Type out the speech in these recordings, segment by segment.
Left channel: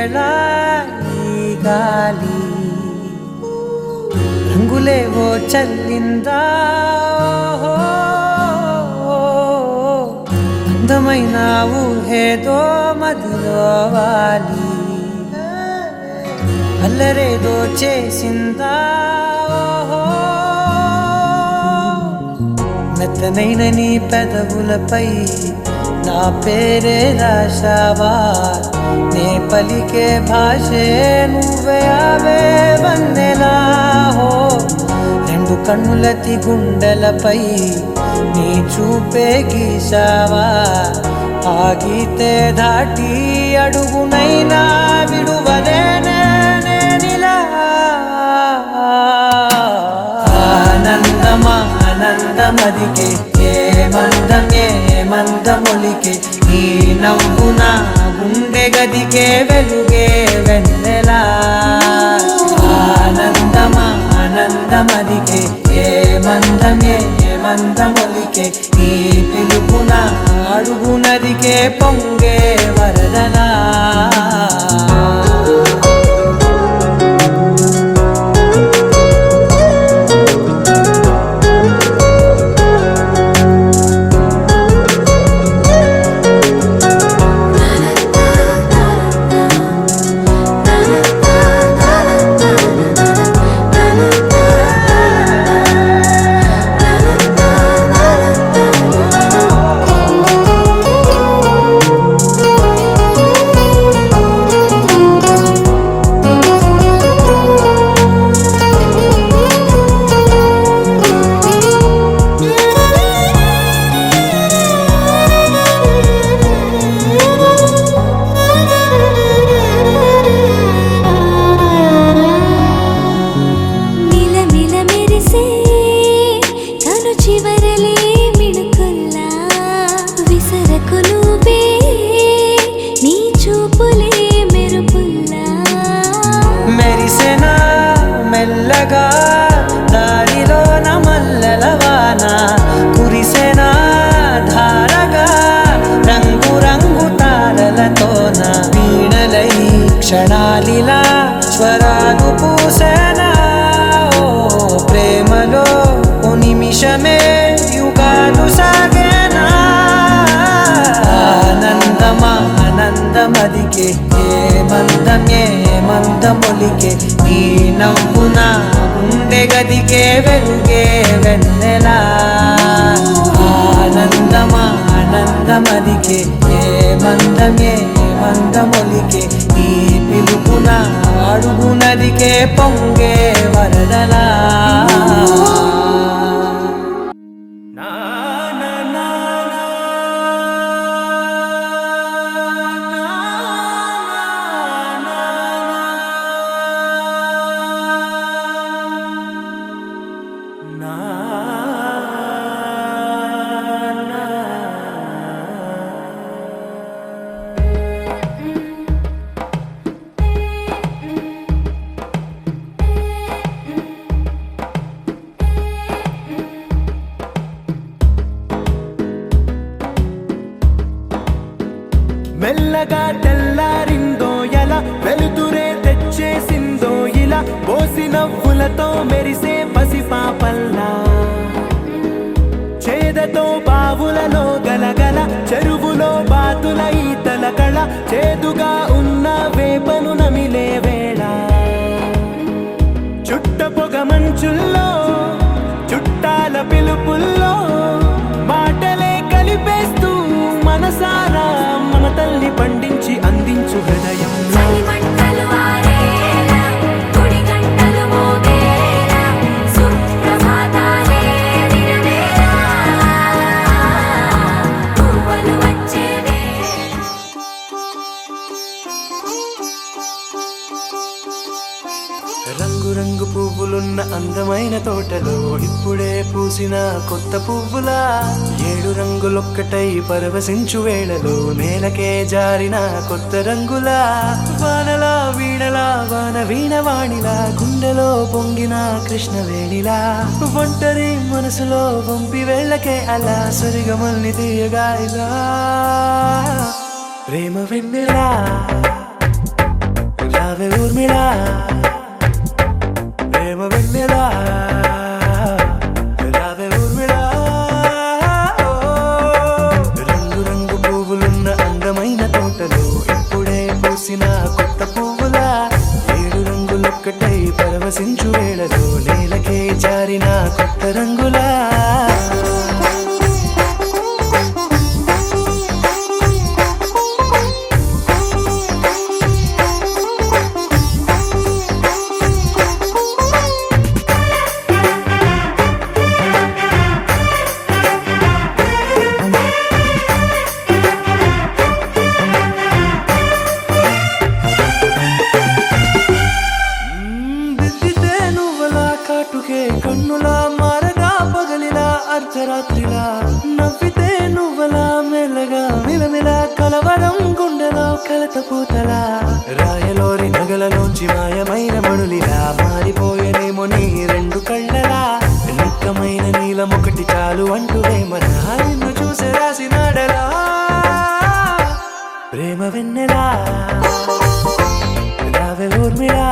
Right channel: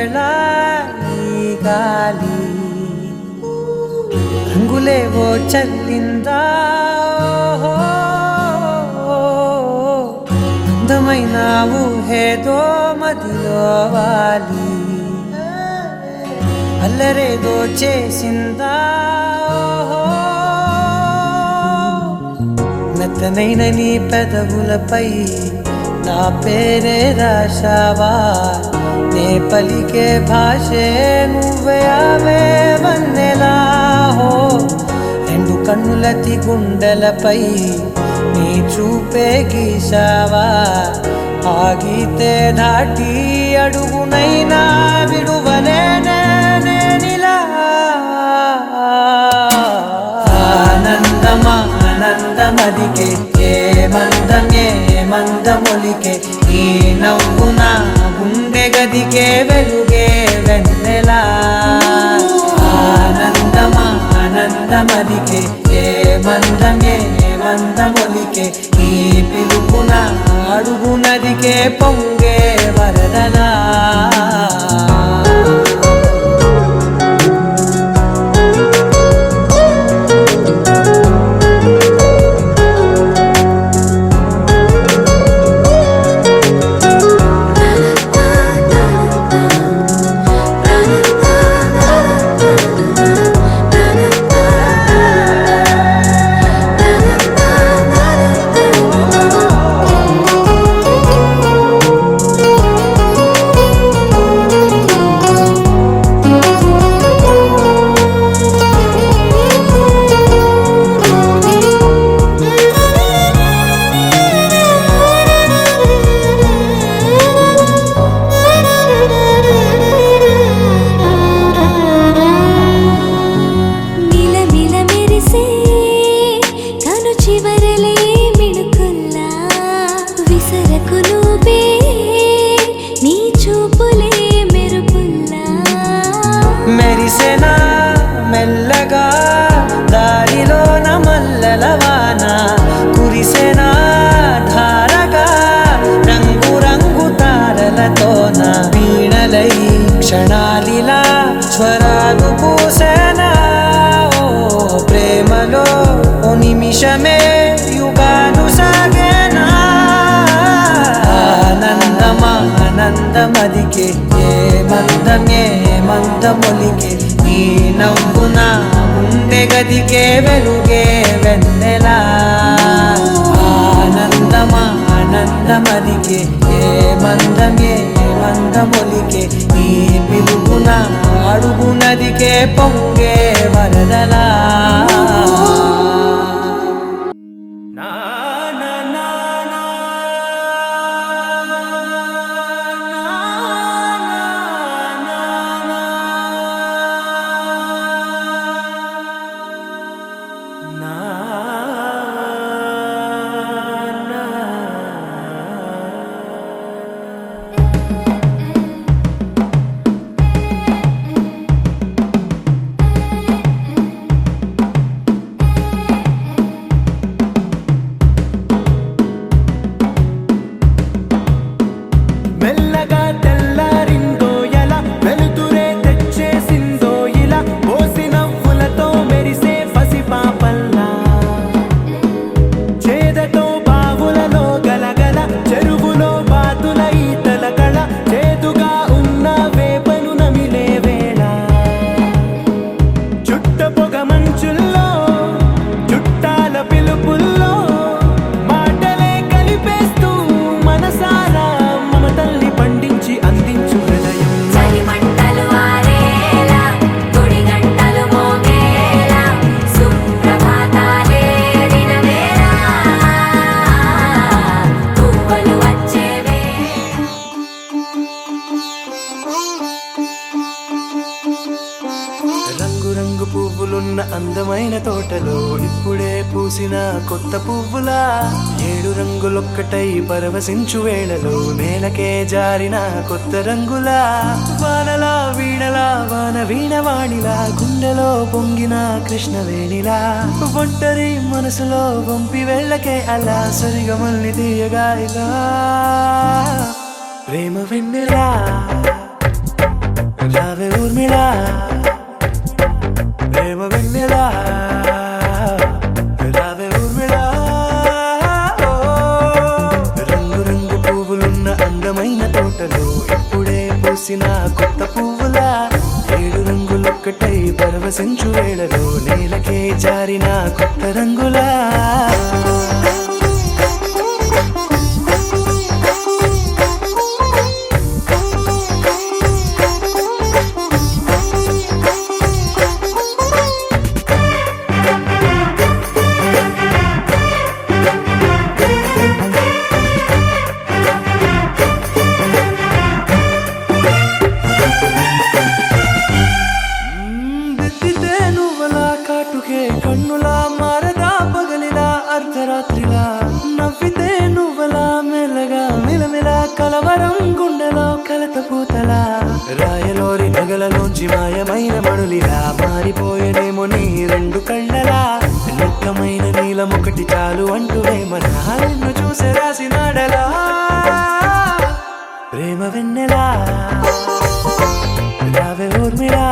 వేళ ఈ గాలి రంగులేవో చల్లిందా అందమైన ఊహేదో మదిలో వాలి అల్లరేదో చేసిందా మెత్తనైన నీ పెదవులపై నా పేరే రాశావా నే పలికే భాషే నువ్వే అవే వన్నెలా హో రెండు కన్నులతి గుండెలపై నీ చూపే గీశావా ఆగితే దాటి అడుగునైనా విడువలేనే నేనిలా ఆనందమా ఆనందమదికే ఏ మందమొలికే నీ నవ్వున గుండె గదికే వెలుగే వెన్నెలా ఆనందమా ఆనందమదికే ఏ మందమొలికే నీ పిలుపున అడుగునదికే పొంగే వరదలా మెరిసెనా మెల్లగా దారిలోన మల్లెలవాన కురిసెనా ధారగా రంగు రంగు తారలతోన వీణలై క్షణాలిలా స్వరాలు పూసేనా ఓ ప్రేమలో ఓ నిమిషమే యుగాలు సాగేనా ఆనందమా ఆనందమదికే ఏ మందమొలికే నీ నవ్వున గుండె గదికే వెలుగే వెన్నెలా ఆనందమా ఆనందమదికే ఏ మందమొలికే నీ పిలుపున అడుగునదికే పొంగే వరదలా మెల్లగా తెల్లారిందో ఎలా వెలుతురే తెచ్చేసిందో ఇలా పోసి నవ్వులతో మెరిసే పసిపాపల్లా చేదతో బావులలో గలగల చెరువులో బాతుల ఈతల కళ చేదుగా ఉన్న వేపను నమిలే వేళ చుట్ట పొగ మంచుల్లో చుట్టాల పిలుపుల్లో మాటలే కలిపేస్తూ మనసారా మమతల్ని పండించి అందించు హృదయం రంగు పువ్వులున్న అందమైన తోటలో ఇప్పుడే పూసిన కొత్త పువ్వులా 7 రంగులొక్కటై పరవశించు వేళలో నేలకే జారిన కొత్త రంగులా వానలా వీణలా వాన వీణవాణిలా గుండెలో పొంగిన కృష్ణవేణిలా ఒంటరి మనసులో వంపి వెళ్ళకే అలా సరిగమల్ని తీయగా ఇలా ప్రేమ వెన్నెలా రావే ఊర్మిళా ప్రేమ వెన్నెలా రావే ఊర్మిళా రంగు రంగు పువ్వులున్న అందమైన తోటలో ఇప్పుడే పూసిన కొత్త పువ్వులా ఏడు రంగులొక్కటై పరవశించు వేళలో నేలకే జారిన కొత్త రంగులా దిద్దితే నువ్వలా కాటుకే కన్నులా మారదా పగలిలా అర్ధరాత్రిలా నవ్వితే నువ్వలా మెల్లగా మిలమిలా కలవరం గుండెలో కలతపూతలా రాయలోరి నగలలోంచి మాయమైన మణులిలా మారిపోయేనేమో నీ రెండు కళ్ళలా నిక్కమైన నీలమొకటి చాలు అంటూ వేమనా నిన్ను చూసే రాసినాడలా ప్రేమ వెన్నెలా రావే ఊర్మిళా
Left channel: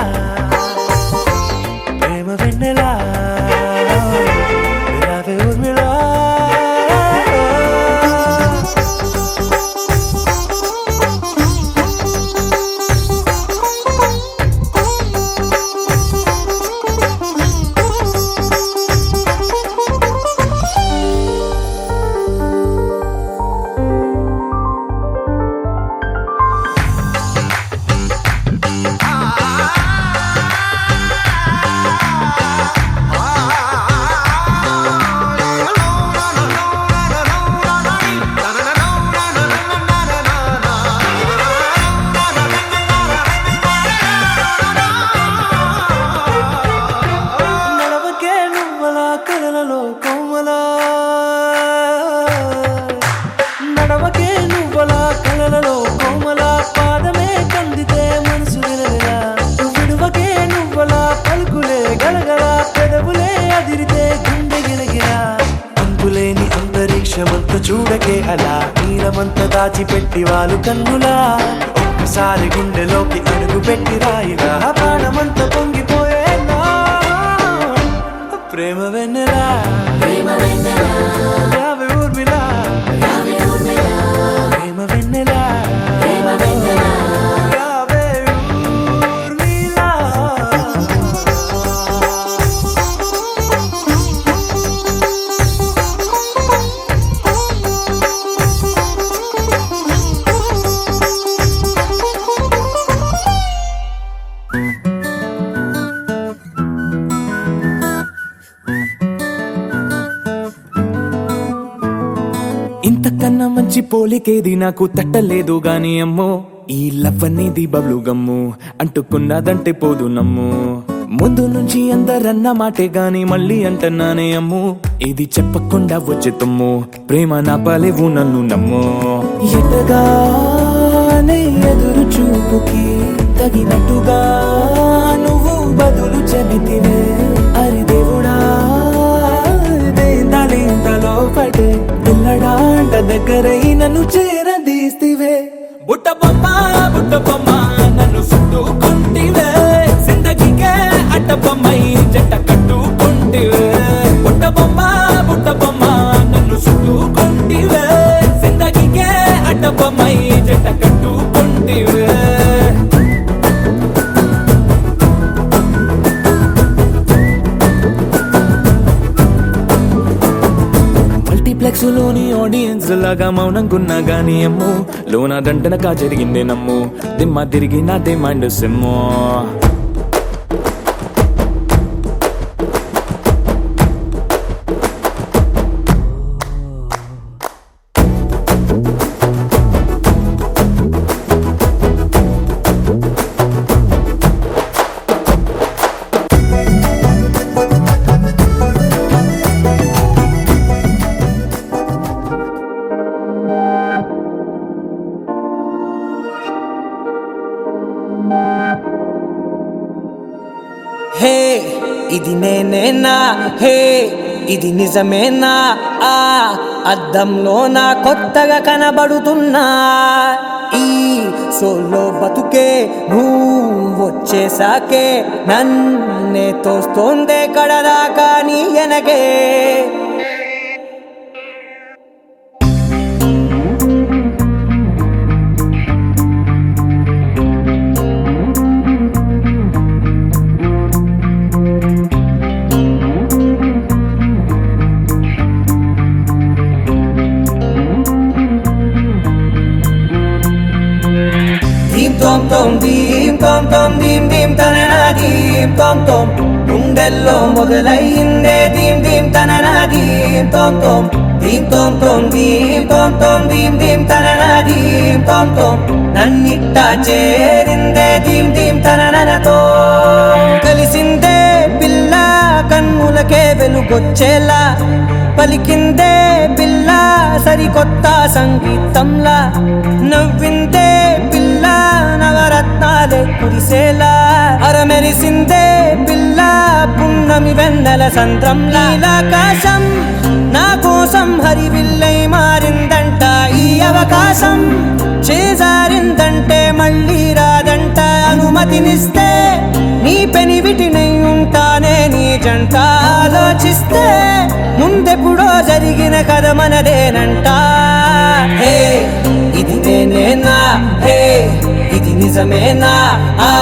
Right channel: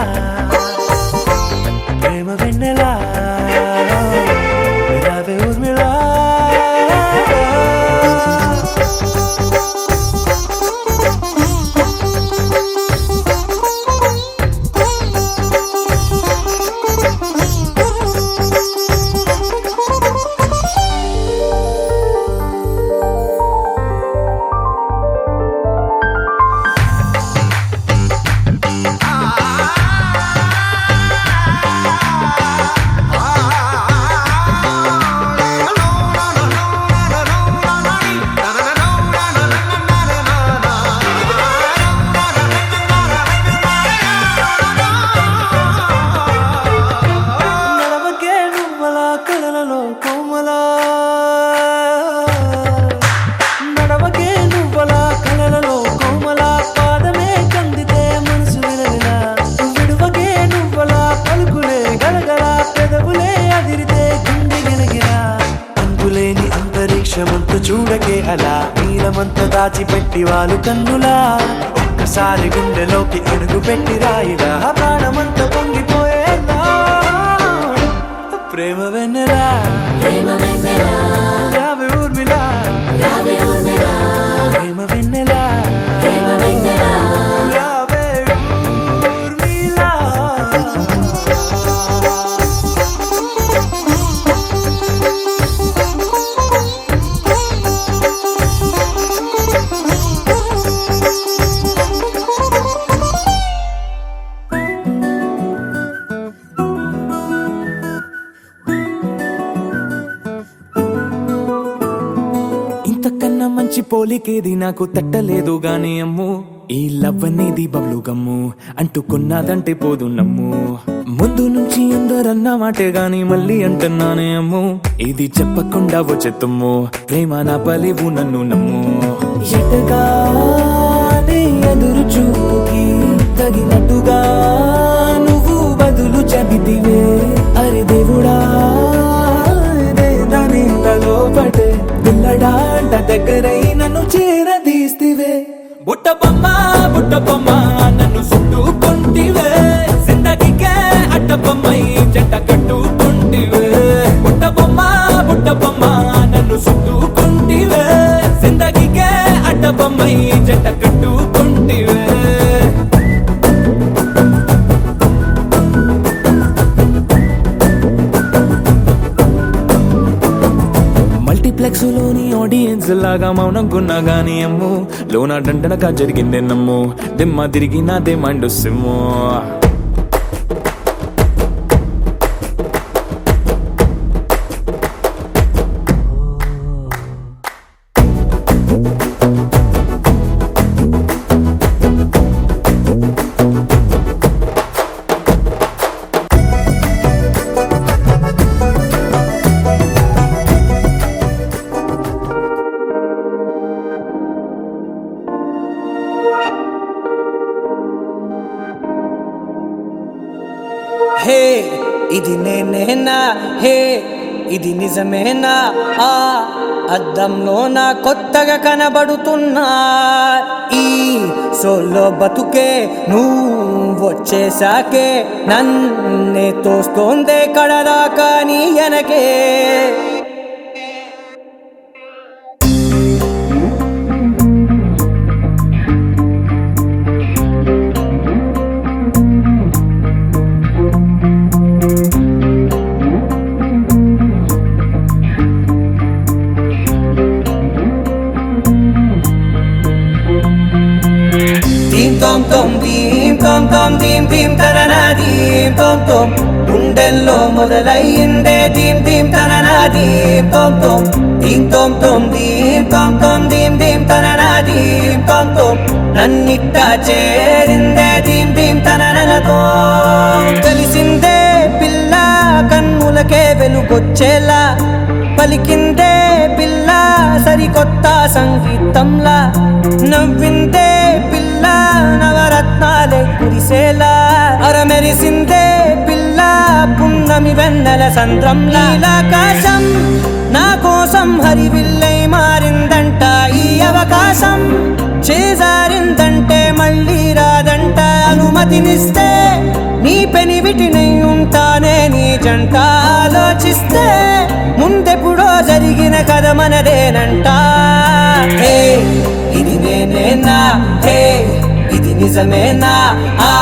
ప్రేమ వెన్నెలా రావే ఊర్మిళా కలలలో కోమలా నడవకే నువ్వలా కలలలో కోమలా పాదమే కందితే మనసు విలవిలా విడువకే నువ్వలా పలుకులే గలగల పెదవులే అదిరితే గుండె గిలగిలా అంతులేని అంతరిక్షమంత చూడకే అలా నీలమంత దాచిపెట్టి వాళ్ళు కన్నులా ఒక్కసారి గుండెలోకి అడుగు పెట్టి రాయిలా ప్రాణమంత పొంగిపోయేలా ప్రేమ వెన్నెలా రావే ఊర్మిళా ప్రేమ వెన్నెలా రావే ఊర్మిళా ఇంతకన్నా మంచి పోలికేది నాకు తట్టలేదు గాని అమ్మో ఈ లవ్ అనేది బబ్లు గమ్ము అంటుకున్నదంటే పోదు నమ్ము ముందు నుంచి అందరన్న మాటే గాని మళ్ళీ అంటున్నానే అమ్ము ఇది చెప్పకుండా వచ్చే తుమ్ము ప్రేమ నా పలేవు నన్ను నమ్ము ఎటగానే ఎదురు చూకి తగినట్టుగా నువ్వు బదులు చెబితివే అరి దేవుడా దాని తలో పడే పిల్లడాంట దగ్గరై నన్ను చేరదీస్తివే బుట్ట బొమ్మ నన్ను చుట్టుకుంటివే జిందగీకే అట్ట బొమ్మై జంట కట్టుకుంటివే బుట్ట బొమ్మ నన్ను చుట్టుకుంటివే జిందగీకే అట్ట బొమ్మై జంట కట్టుకుంటివే లోని ఆడియన్స్ లాగా మౌనంకున్నా గానీ అమ్ము లోన దండనగా జరిగిందే నమ్ము దిమ్మ తిరిగి నాది మైండ్ సిమ్ము హే ఇది నేనేనా హే ఇది నిజమేనా ఆ అద్దంలో నా కొత్తగా కనబడుతున్నా ఈ సోలో బతుకే నువ్వు వచ్చేసాకే నన్నే తోస్తోందే కడదాకా నీ ఎనగే Tom tom dim dim tanana dim tom tom గుండెల్లో మొదలైందే dim dim tanana dim tom tom dim tom tom dim dim tanana dim tom tom నన్నిట్టా చేరిందే dim dim tananaతో కలిసిందే పిల్ల కన్నులకే వెలుగొచ్చేలా పలికిందే పిల్ల సరికొత్త సంగీతంలా నవ్విందే పిల్ల నవరత్నాలే కురిసేలా అరమెరిసిందే పిల్ల పున్నమి వెన్నెల సంద్రంలా ఆకాశం నా కోసం హరివిల్లై మారిందంట ఈ అవకాశం చేజారిందంటే మళ్ళీ రాదంట అనుమతినిస్తే నీ పెనివిటినై ఉంటానే నీ జంట ఆలోచిస్తే ముందెప్పుడో జరిగిన కథ మనదేనంట హే ఇది నేనేనా హే ఇది నిజమేనా ఆ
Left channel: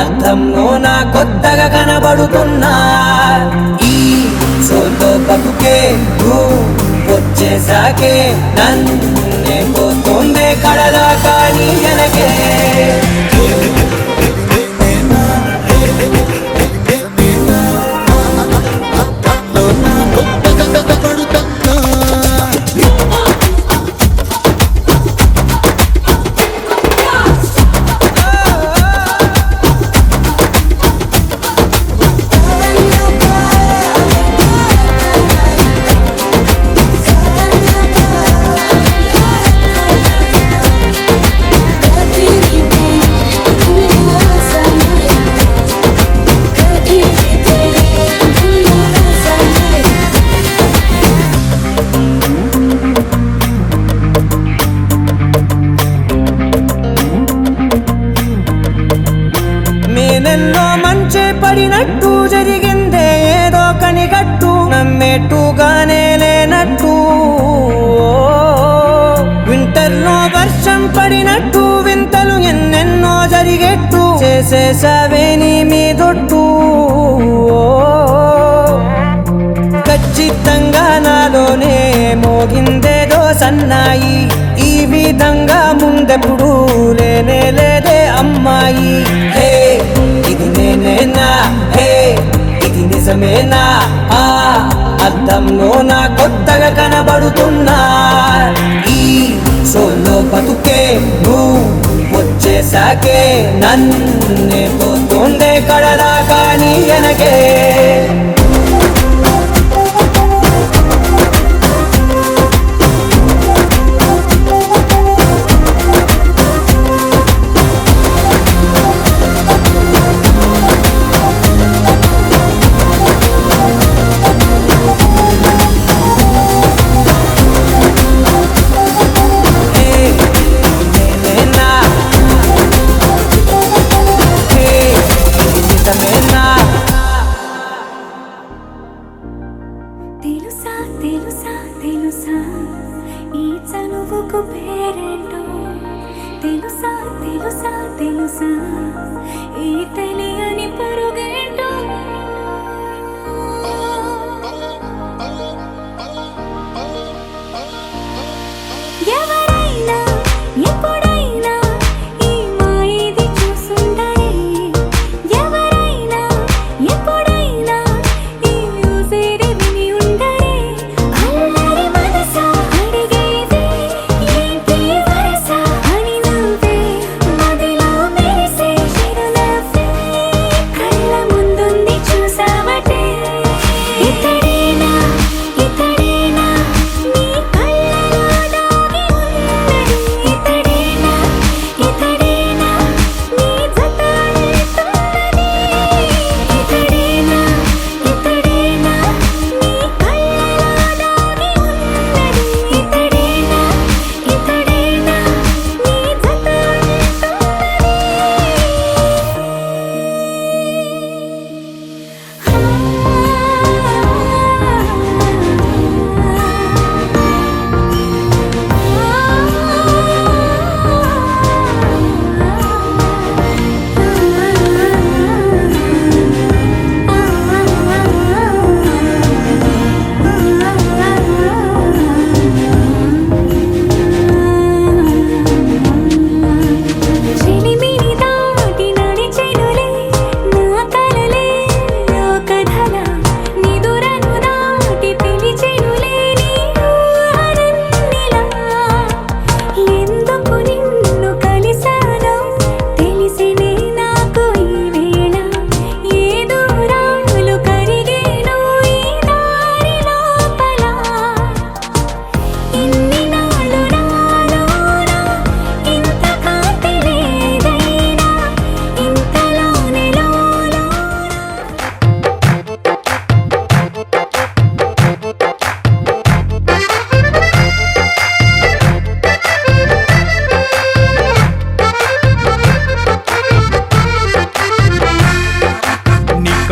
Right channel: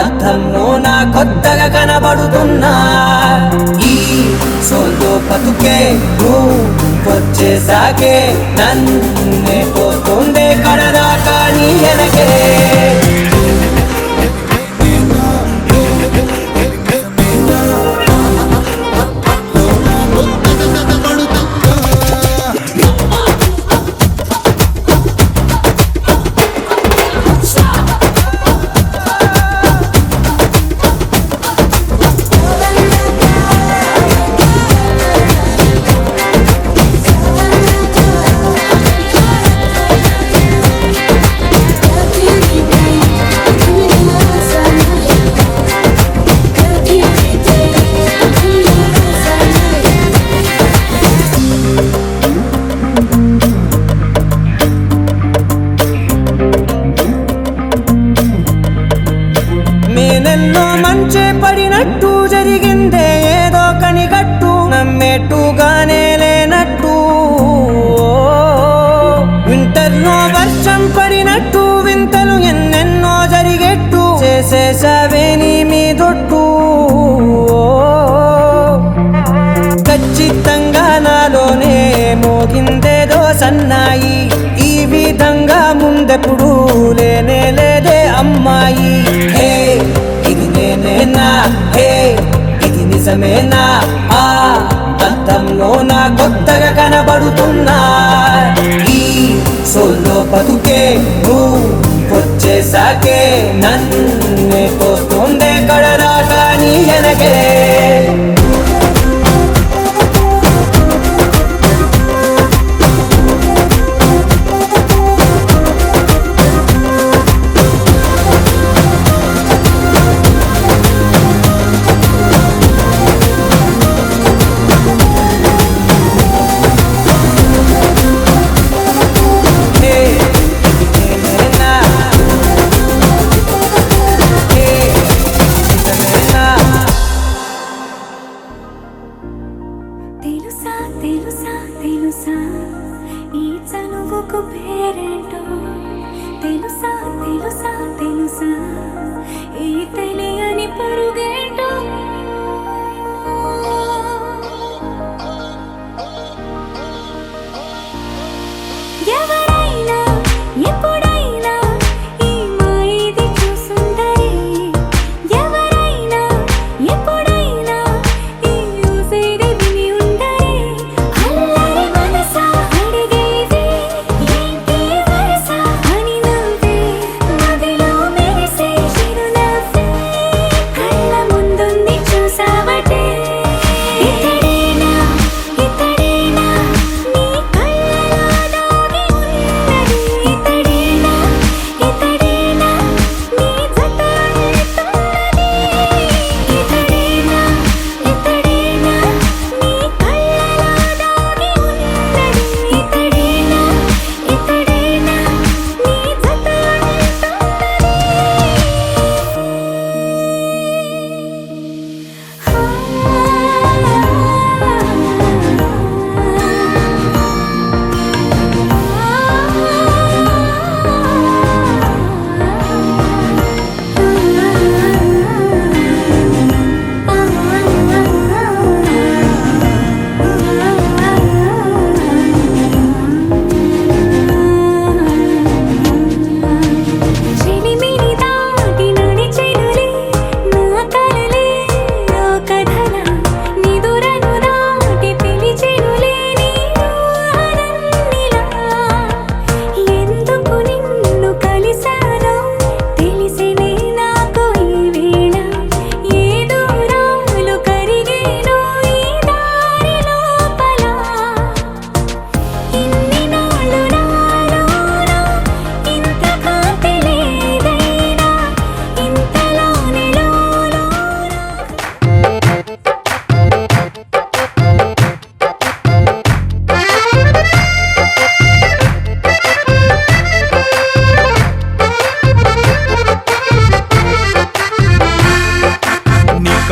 అర్థంలో నా కొత్తగా కనబడుతున్నా ఈ సోల్తో బతుకే నువ్వు వచ్చేసాకే నన్నే పోతుందే కడదాకా నీ వెనకే మేనెల్లో మంచే పడినట్టు జరిగిందే ఏదో కనిగట్టు నమ్మేట్టుగానే లేనట్టు వింటర్లో వర్షం పడినట్టు వింతలు ఎన్నెన్నో జరిగేట్టు చేసేసావే నీ మీదొట్టు ఖచ్చితంగా నాలోనే మోగిందేదో సన్నాయి ఈ విధంగా ముందెప్పుడు లేనే లేదే అమ్మాయి హే ఇది నేనేనా హే ఇది నిజమేనా ఆ అద్దంలో నా కొత్తగా కనబడుతున్నా ఈ సోల్లో బతుకే నువ్వు వచ్చేసాకే నన్నే తోస్తోందే కడదాకా నీ వెనకే తెలుసా తెలుసా తెలుసా ఈ చనువుకు పేరేంటో తెలుసా తెలుసా తెలుసా ఈ తెలియని పరుగేంటో ఎవరైనా ఎప్పుడైనా ఈ మాయిది చూసుండరే ఎవరైనా ఎప్పుడైనా ఈ ఊసేది విని ఉండరే అల్లరి మనసా అడిగేది ఏంటి వరస అని నవ్వే మదిలో మెరిసే చిరునవ్వే కళ్ళ ముందుంది చూ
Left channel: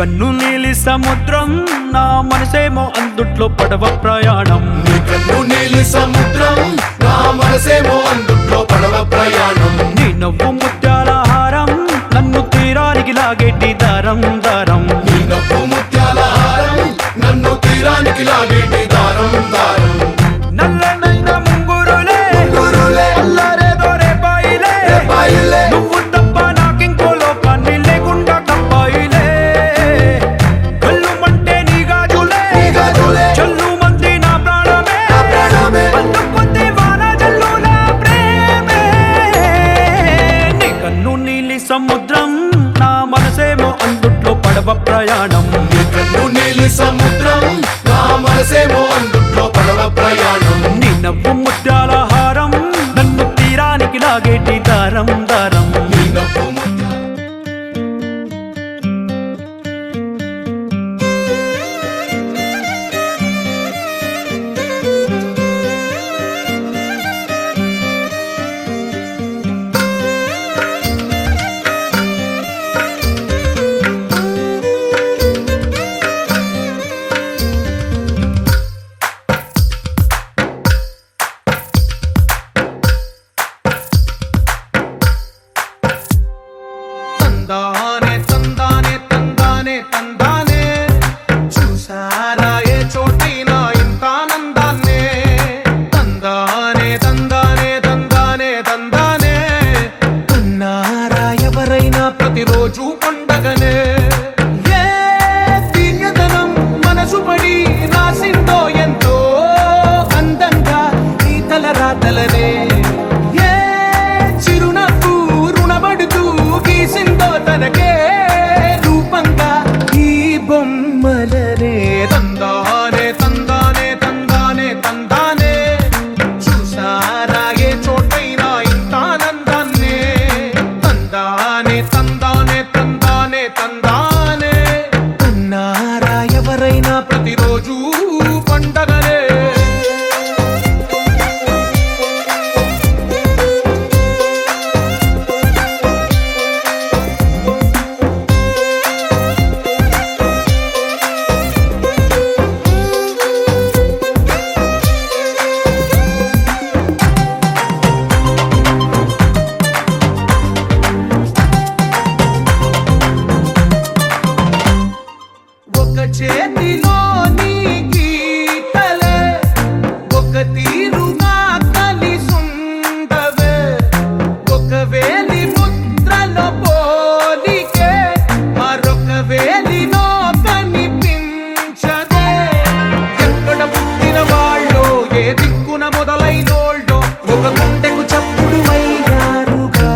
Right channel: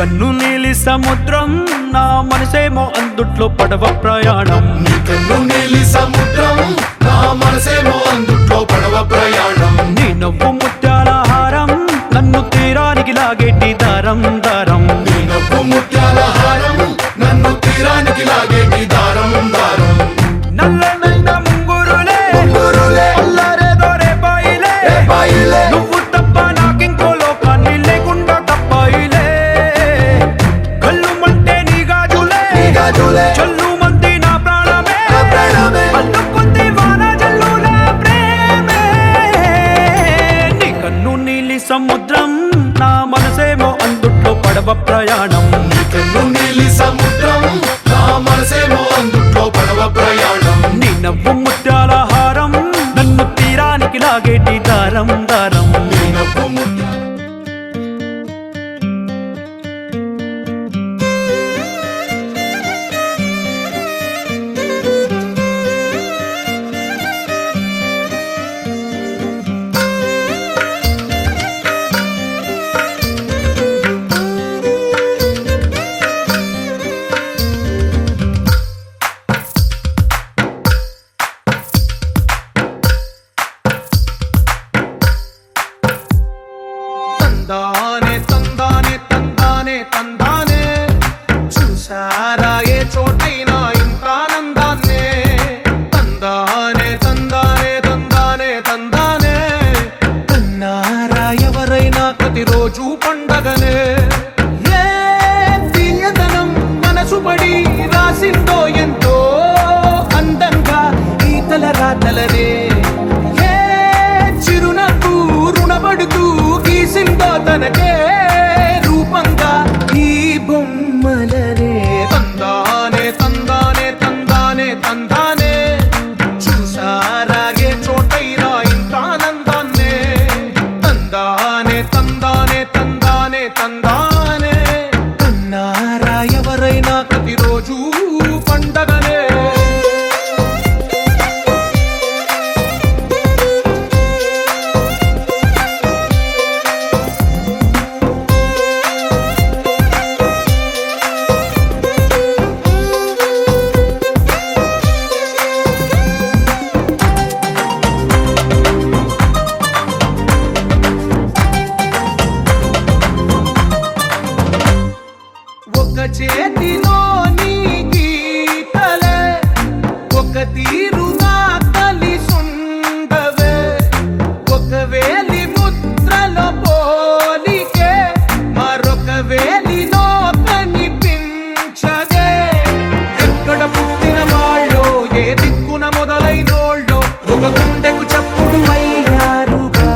కన్ను నీలి సముద్రం నా మనసేమో అందుట్లో పడవ ప్రయాణం. కన్ను నీలి సముద్రం నా మనసేమో అందుట్లో పడవ ప్రయాణం. నీ నవ్వు ముత్యాల హారం నన్ను తీరానికి లాగేటి దారం దారం. నీ నవ్వు ముత్యాల హారం నన్ను తీరానికి లాగేటి దారం దారం. నల్లనైన ముంగురులే అల్లరేదో రేపాయిలే, నువ్వు తప్ప నాకింకో లోకాన్ని లేకుండా తప్పాయిలే. గల్లుమంటే నీ గాజులే చల్లు మంది నా ప్రాణమే, అల్లుకుంది వాన జల్లుల ప్రేమే. నీ కన్ను నీలి సముద్రం నా మనసేమో అందుట్లో పడవ ప్రయాణం. కన్ను నీలి సముద్రం నా మనసేమో అందుట్లో పడవ ప్రయాణం. నీ నవ్వు ముత్యాల హారం నన్ను తీరానికి లాగేటి దారం దారం. నీ నవ్వు ముత్యాల తందానే తందానే తందానే తందానే, చూసారా ఏ చోటైనా ఇంత ఆనందాన్నే. తందానే తందానే తందానే తందానే, కన్నారా ఎవరైనా ప్రతిరోజు పండగనే. ఏ తీయదనం మనసు పడి రాసిందో ఎంతో అందంగా ఈ తల రాతలనే. ఏ చిరునవ్వు రుణపడుతూ గీసిందో తనకే రూపంగా ఈ బొమ్మలనే. తందానే తందానే తందానే తందానే, చూసారా ఏ చోటైనా ఇంత ఆనందాన్నే. తందానే తందానే తందానే తందానే, కన్నారా ఎవరైనా ప్రతిరోజు పండగనే. ఒక చేతిలో నీ గీతలే ఒక తీరుగా కలిసుండవే. ఒక వేలి ముద్రలో పోలికే మరొక వేలిలో కనిపించదే. ఎక్కడ పుట్టిన వాళ్ళో ఏ దిక్కున మొదలైనోళ్ళో ఒక గుండెకు చప్పుడు అయ్యారుగా.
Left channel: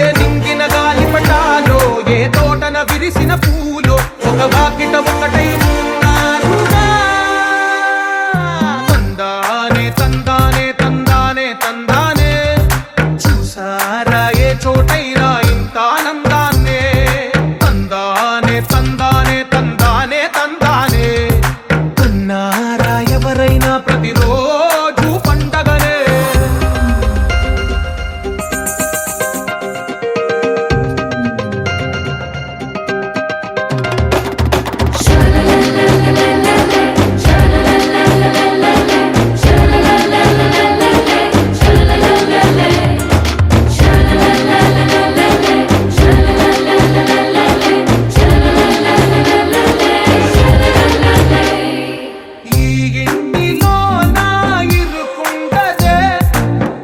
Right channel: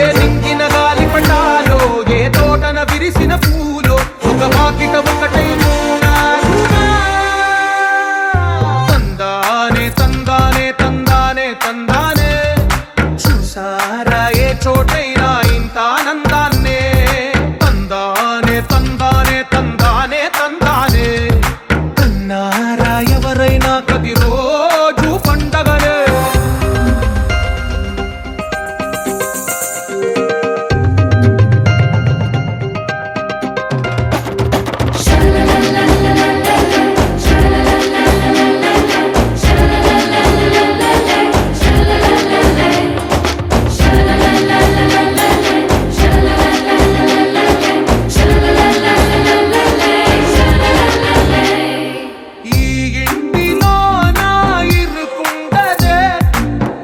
ఏ నింగిన గాలి పటాలో ఏ తోటన విరిసిన పూలో ఒక వాకిట ఒకటై ఉన్నారుగా. తందానే తందానే తందానే తందానే, చూసారా ఏ చోటైనా ఇంత ఆనందాన్నే. తందానే తందానే తందానే తందానే, కన్నారా ఎవరైనా ప్రతిరోజు పండగనే. ఈ ఇంటిలో నా ఇరుకుండదే,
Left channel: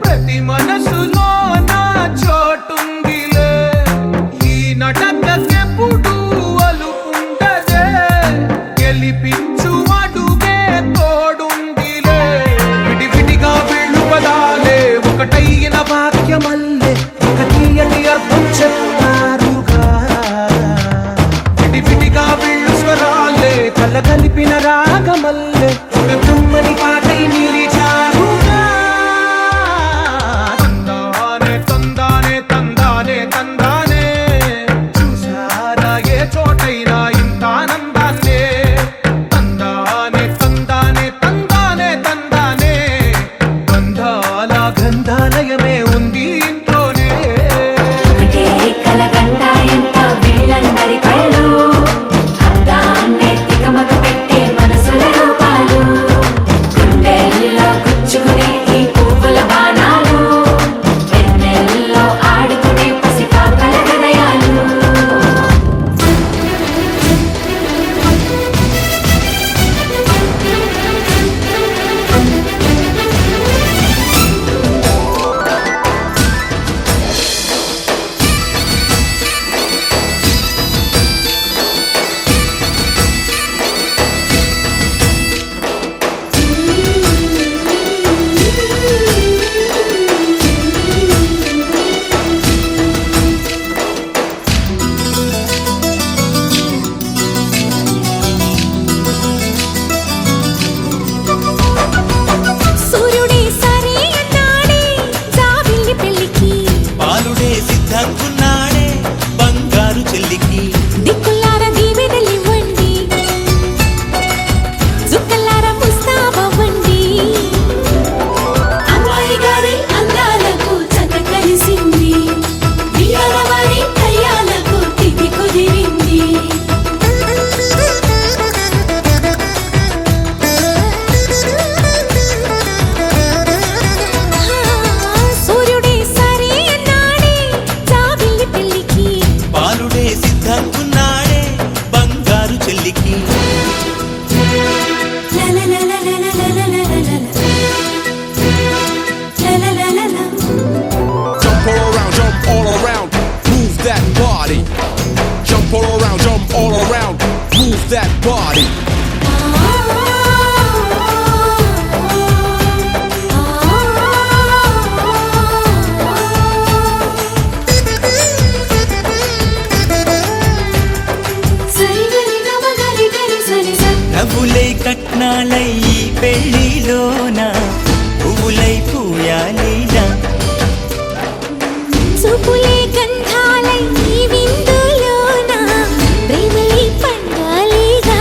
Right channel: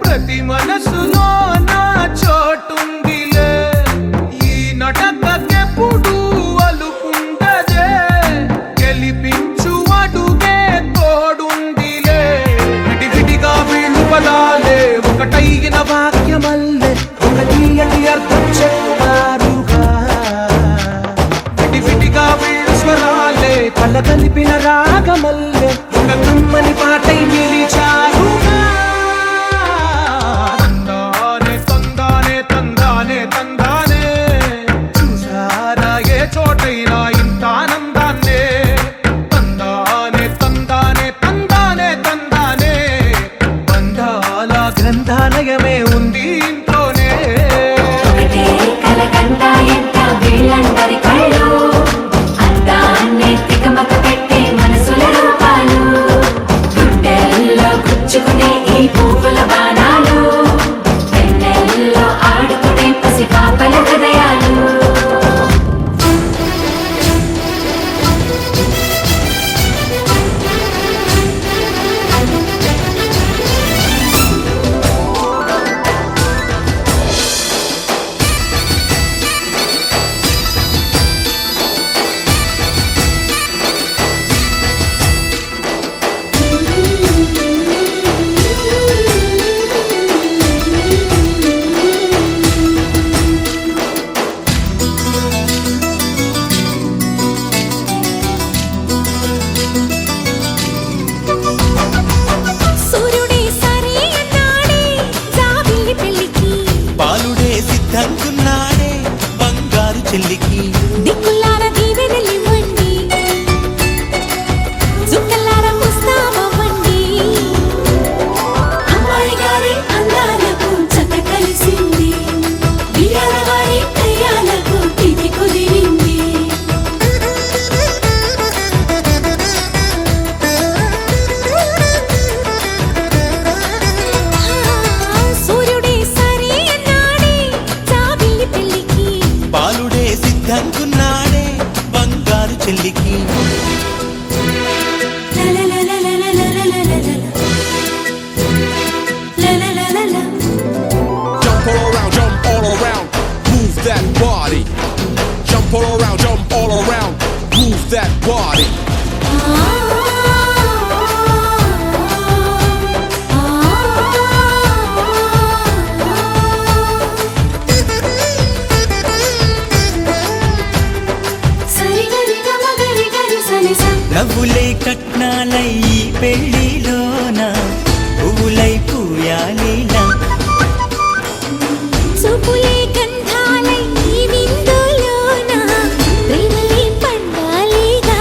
ప్రతి మనసులో నా చోటుందిలే. ఈ నటకెప్పుడు అలుకుండదే, గెలిపించు అడుగే తోడుందిలే. విడివిడిగా వీళ్ళు పదాలే ఒకటైన వాక్యమల్లే ఒక తీయటి అర్థం చెప్పారుగా. విడివిడిగా వీళ్ళు స్వరాలే కల కలిపిన రాగమల్లే ఒక కమ్మని పాటై నిలిచారుగా. తందానే తందానే తందానే తందానే, చూసారా ఏ చోటైనా ఇంత ఆనందాన్నే. తందానే తందానే తందానే తందానే, బంధాల గ్రంథాలయమే ఉంది ఇంట్లోనే. ఒకటే కలగంట ఎంత వీళ్ళందరి కళ్ళు స్వప్నాలై ఈ పెళ్లిలోన పువ్వులై పూయాలిలా చూపులే గంధాలై ఈ విందులోన ప్రేమలే పండాలిగా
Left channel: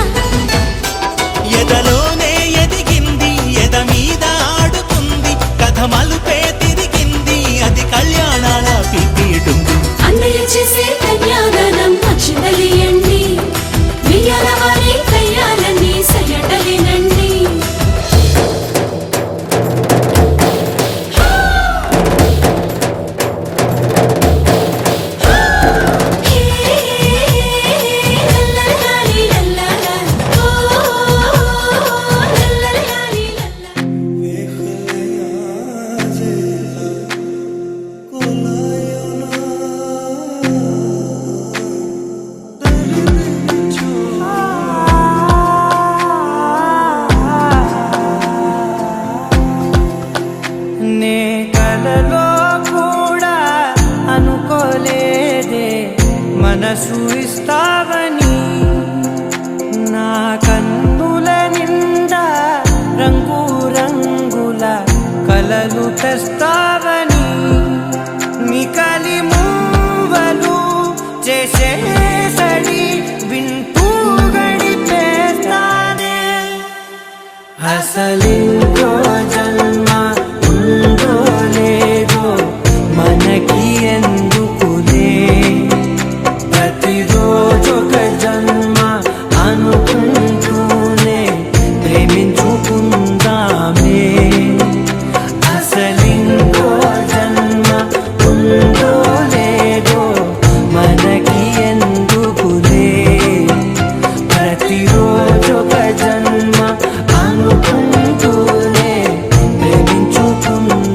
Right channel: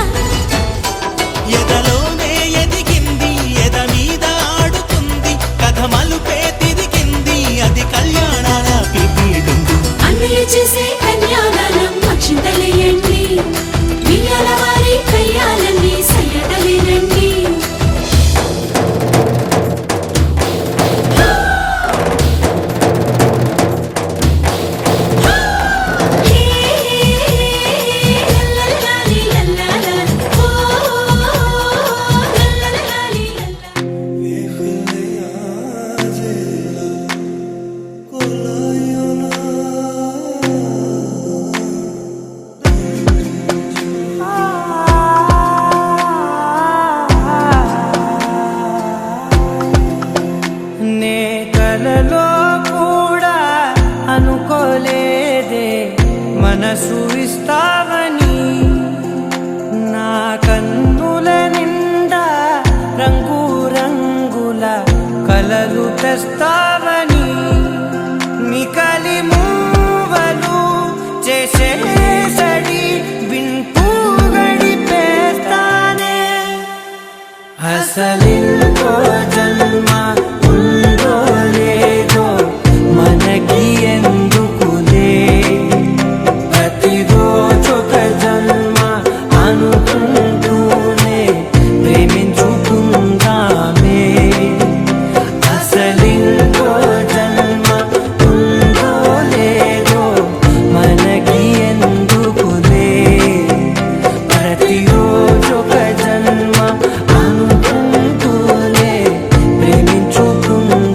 ఎదలోనే ఎదిగింది ఎద మీద ఆడుతుంది కథ మలుపే తిరిగింది అది కళ్యాణాల పిపీడుంది అన్నయ్య చేసే కన్యాదానం అక్షింతలేయండి వియ్యాల వారి కయ్యాలని సయ్యటలేనండి నే కలలో కూడా అనుకోలేదే మనసు ఇస్తావని నా కన్నుల నిండా రంగు రంగుల కలలు తెస్తావని నికలి మూవలు చేసేసడి వింటూ గడిపేస్తానే అసలింకో జన్మ ఉందో లేదో మనకి ఎందుకులే ప్రతిరోజొక జన్మ అనుకుంటూనే ప్రేమించుకుందామే అసలింకో జన్మ ఉందో లేదో మనకి ఎందుకులే ప్రతిరోజొక జన్మ అనుకుంటూనే ప్రేమించుకుందామే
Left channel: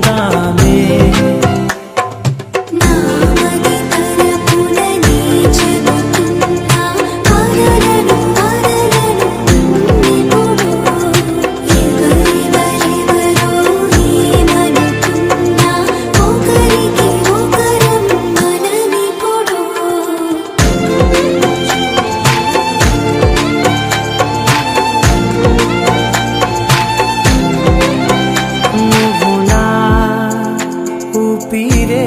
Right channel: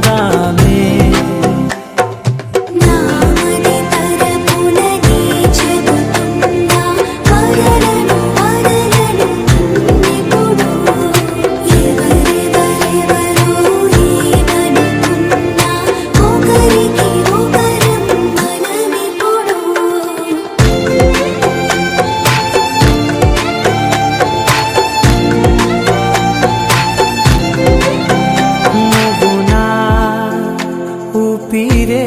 నువ్వు నా ఊపిరే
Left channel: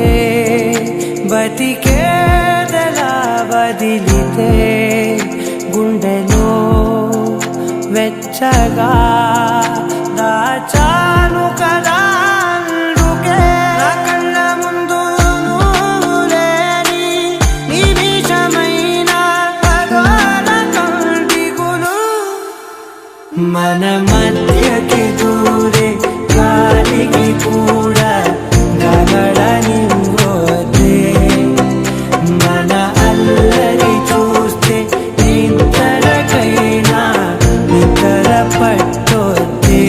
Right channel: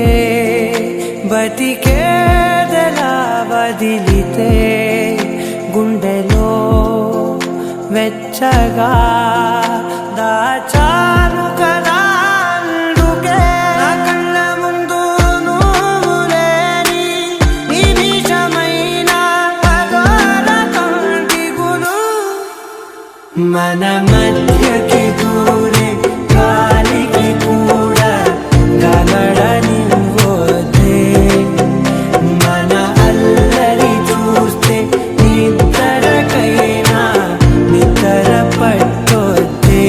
బతికేదలా వదిలితే గుండెలో వెచ్చగా దాచాను కదా అందుకే నా కళ్ళ ముందు నువ్వు లేని నిమిషమైన అఘోర కంటిగులు మన మధ్యకి దూరే గాలికి కూడా గగడనివ్వదే మన అల్లరి చూస్తే నిద్రకైనా నిద్ర పట్టొద్దే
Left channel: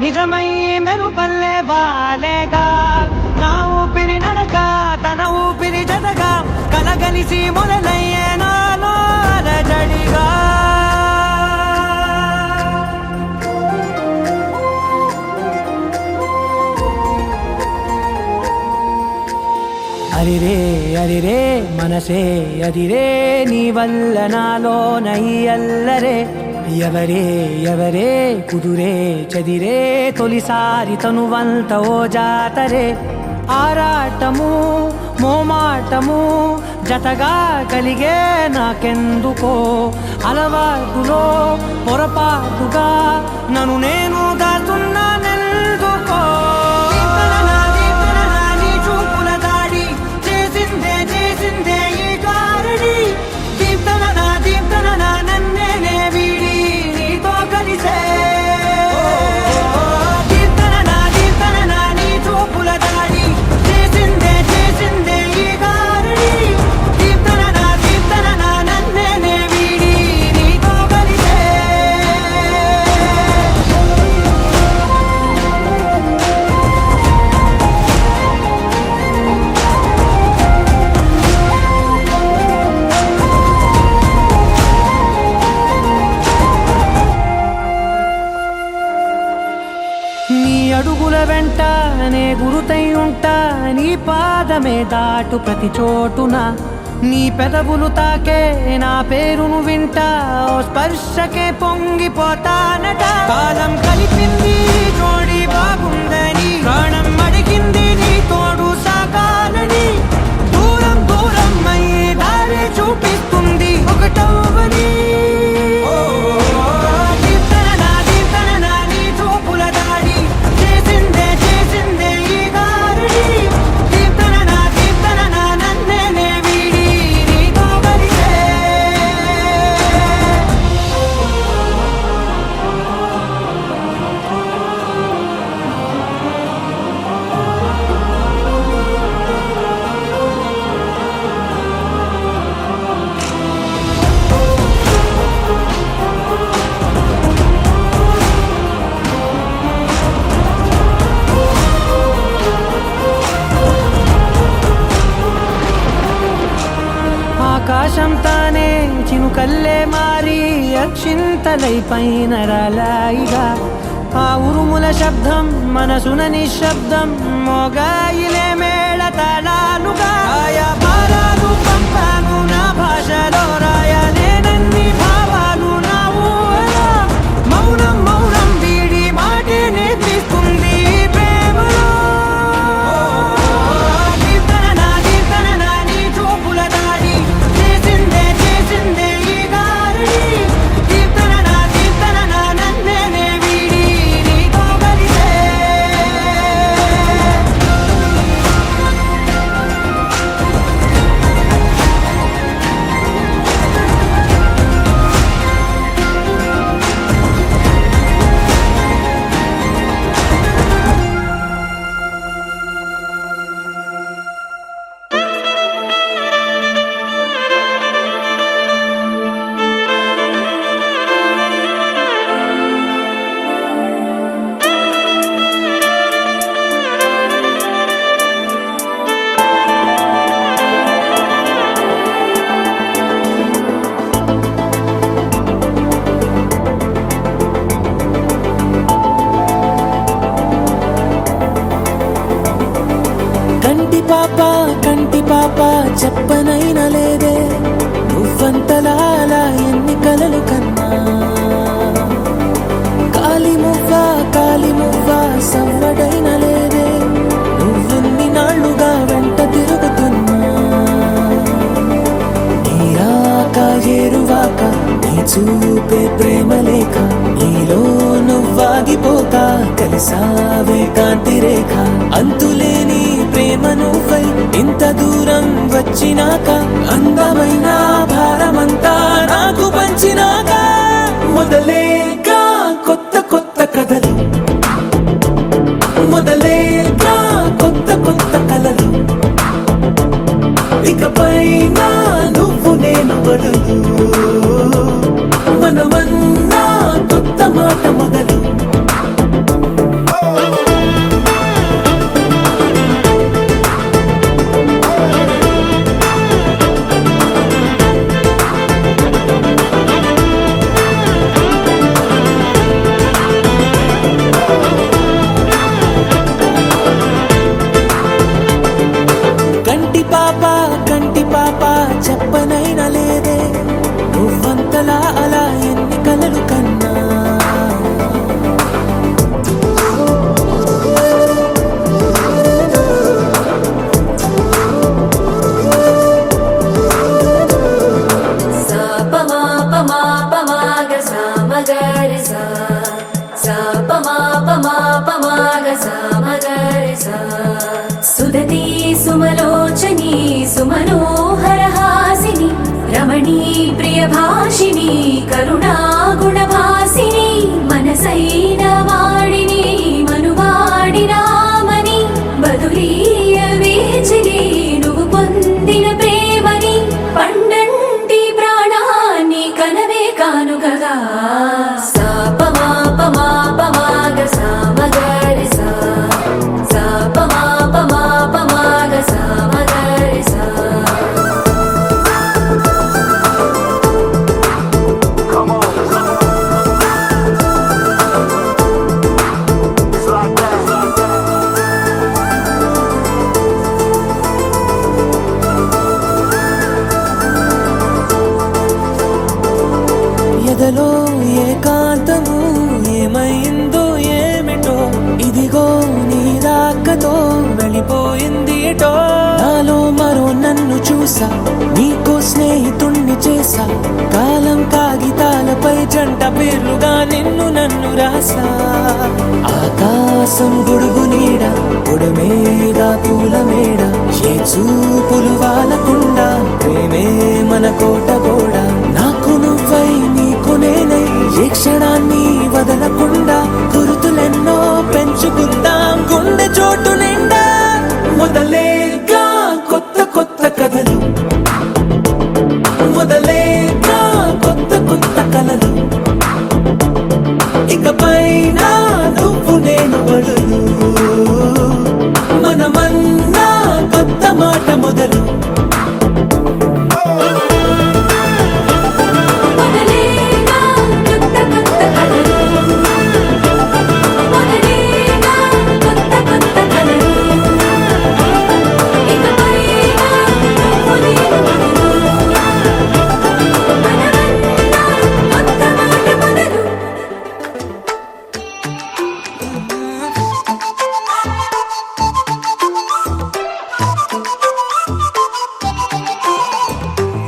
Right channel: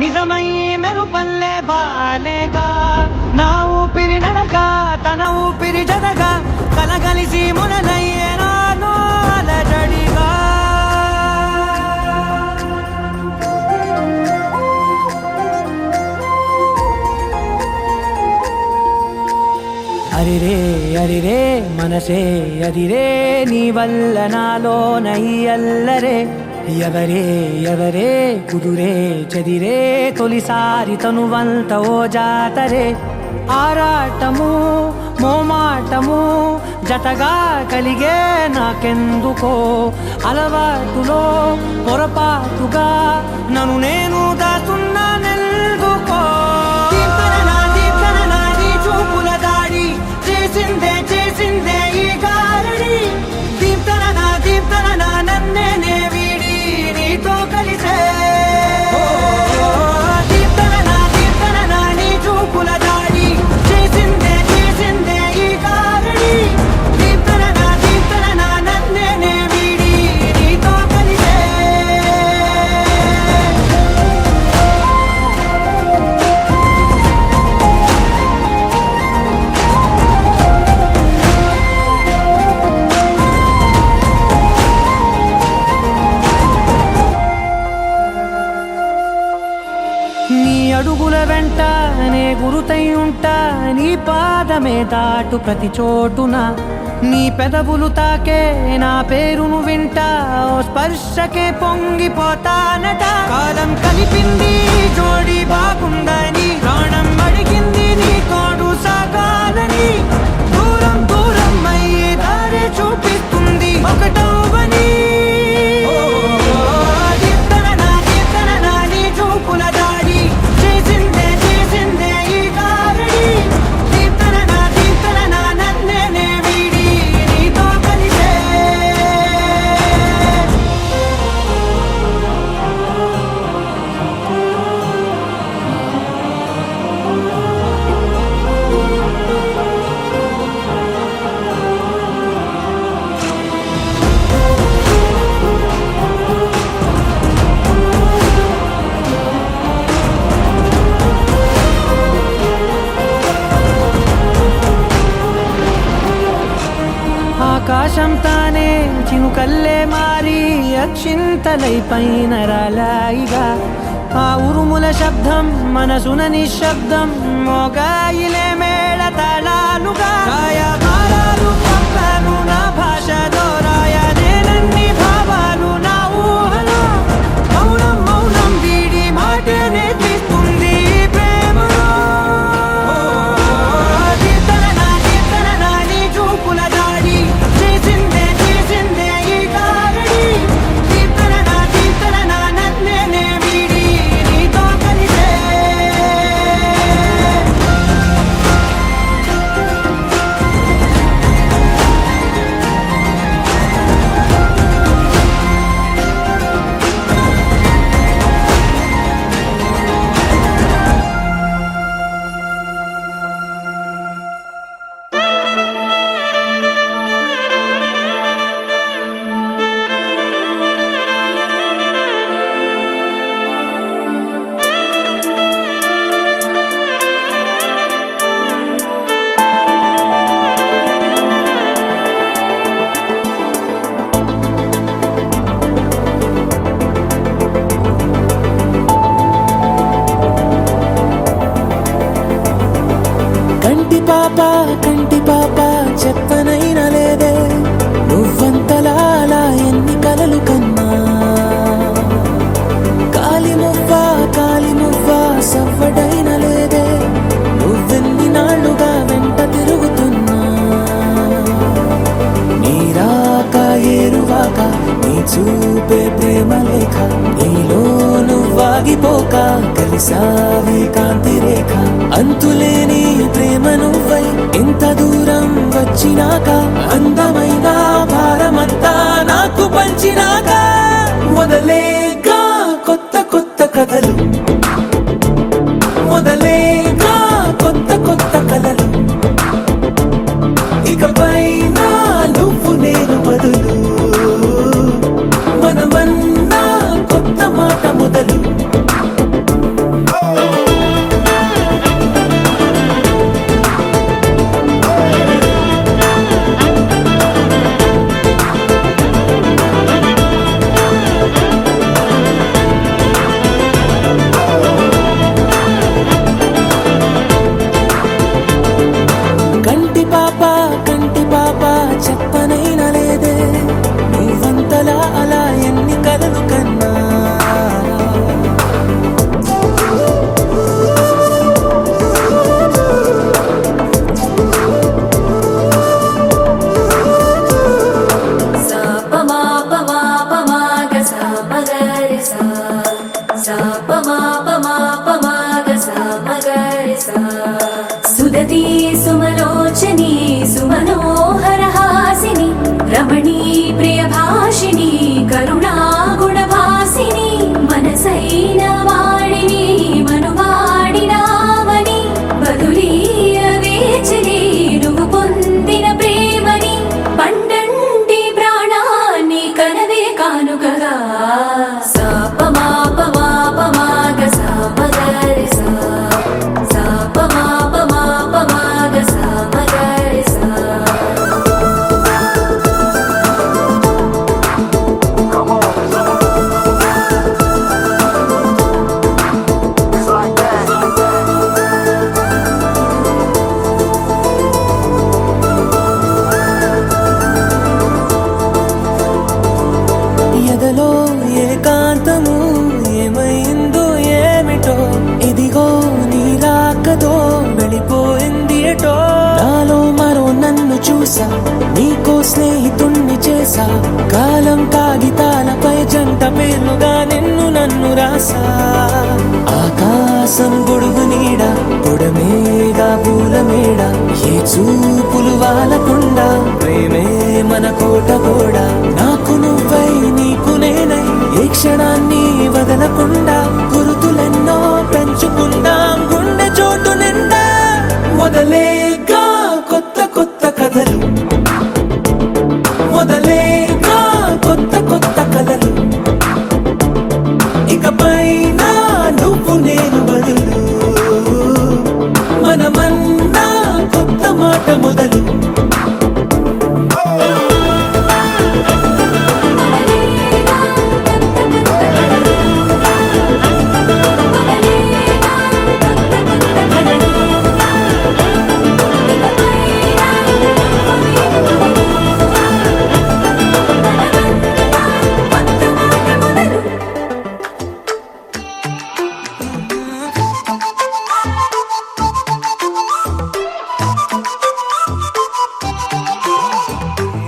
నిజమై మెరుపల్లే బాలేగా నా ఊపిరి నడక తన ఊపిరి జతగా కలగలిసి మొదలయ్యేనో అలజడిగా అరిరే అరిరే మనసే అరిరే నీ వల్ల నాలో నయ్యల్లరే ఎవరే ఎవరే కుదురే చదిరే తొలిసారి తనువంత ఓ జాతరే ఆరాటము మోమాటము జతగా కలిగే నాకెందుకో అలవాటులో పొరపాటుగా నన్ను నేను దాస్తున్నానెందుకో అడుగుల వెంట నే గురుతై ఉంటా నీ పాదమే దాటు ప్రతి చోటున నీ పెదవులు తాకే నా పేరును వింటా ఓ స్పర్శకే పొంగిపోతానట కాలం కలిపింది జోడి బాగుందని ప్రాణం అడిగింది నీ తోడు సాగాలని దూరం దూరం అయ్యే దారి చూపిస్తుంది ఒకటోవని ఆకాశం తానే చినుకల్లే మారి అక్షింతలై పైన రాలాయిగా ఆ ఉరుముల శబ్దం మనసున నిశ్శబ్దం మోగాయిలే మేళ తాళాలుగా నా భాషలో రాయలేనన్ని భావాలు నా ఊహలో మౌనం మౌనం వీడి మాటే నేర్పిస్తుంది ప్రేమలో సావే కాంతి రేఖ అంతులేని ప్రేమ నువ్వై ఇంత దూరం వచ్చినాక అందమైన భారమంతా నాకు పంచినాక మొదలేక కొత్త కొత్త కథలు మొదలేక కొత్త కొత్త కలలు ఇకపై నువ్వు నేను బదులు మనమన్నా కొత్త మాట మొదలు శ్వాస ఆకాశం గొడుగు నీడ గుడమేడ పూల మేడ ఏ చూపులు వాలకుండా ప్రేమే మన కోట కూడా నాకు నువ్వై నీకు నేనై ఏ క్షణాన్ని వదలకుండా గురుతులెన్నో పెంచుకుందాం గుండె చోటు నిండా మొదలేగా కొత్త కొత్త కథలు మొదలేగా కొత్త కొత్త కలలు ఇకపైన నువ్వు నేను బడులు మనమన్నా కొత్త మాట మొదలు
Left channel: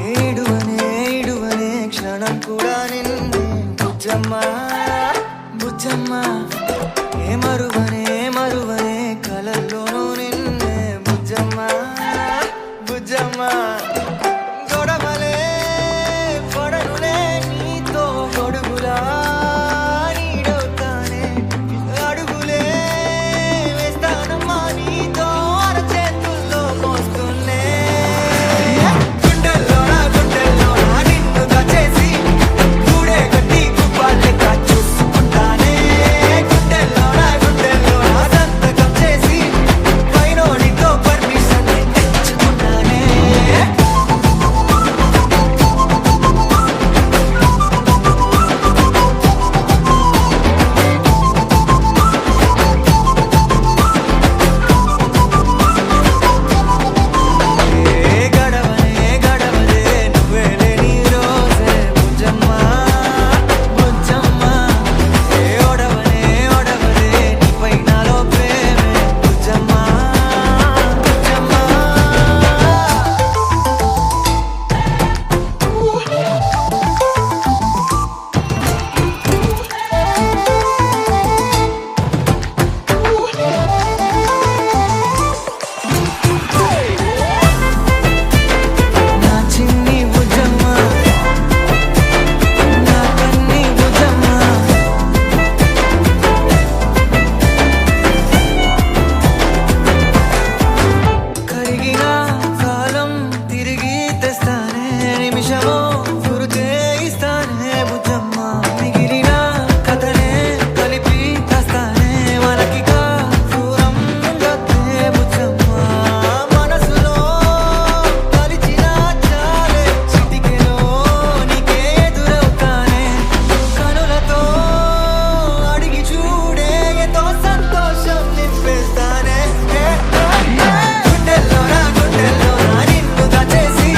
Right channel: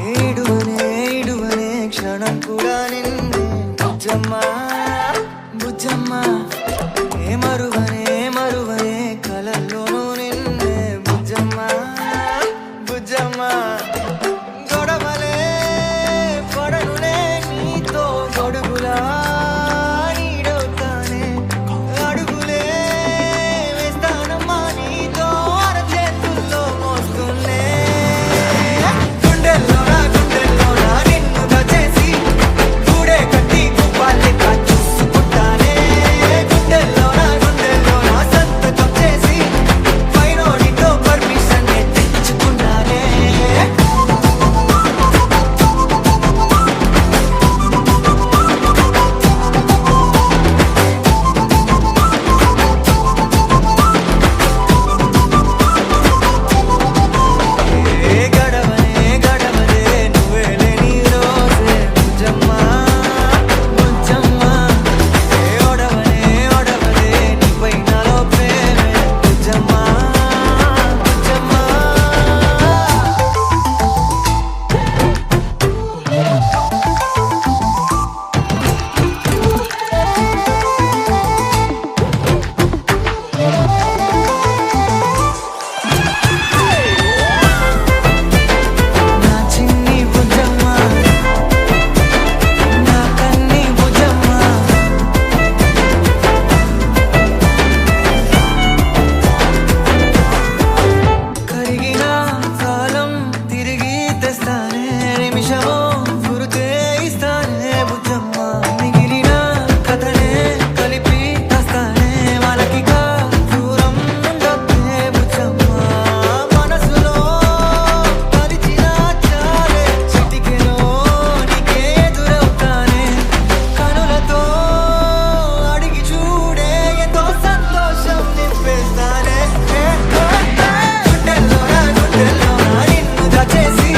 ఏడువనే క్షణం కూడా నిన్నే బుజ్జమ్మా బుజ్జమ్మా ఏ మరువనే కలల్లోనూ నిన్నే బుజ్జమ్మా బుజ్జమ్మా గొడవలే పడనులే నీతో గొడుగులా నీడవుతానే అడుగులే వేస్తానమ్మా నీతో అరచేతుల్లో మోస్తున్నే గుండెల్లోన నిన్ను దచేసి గూడే కట్టి గుప్పాలెక్క చూసుకుంటానే గుండెల్లోన సంతకం చేసి పైనోడితో పర్మిషన్ తెచ్చుకున్నానే గడవదే నువ్వే లేని రోజే బుజ్జమ్మా బుజ్జమ్మా ఏ ఒడవదే నీపై నాలో ప్రేమే బుజ్జమ్మా బుజ్జమ్మా నా చిన్ని బుజ్జమ్మా నా కన్ని బుజ్జమ్మా కరిగిన కాలం తిరిగి తెస్తానే నిమిషమో గురుతే ఇస్తానే బుజ్జమ్మా మిగిలిన కథనే కలిపి తెస్తానే మనకిగా దూరం ఉండొద్దే బుజ్జమ్మా మనసులో తలిచిన చాలే చిటికెలో నీకే ఎదురవుతానే కనులతో అడిగి చూడే ఎంతో సంతోషం నింపేస్తానే గుండెల్లోన నిన్ను దచేసి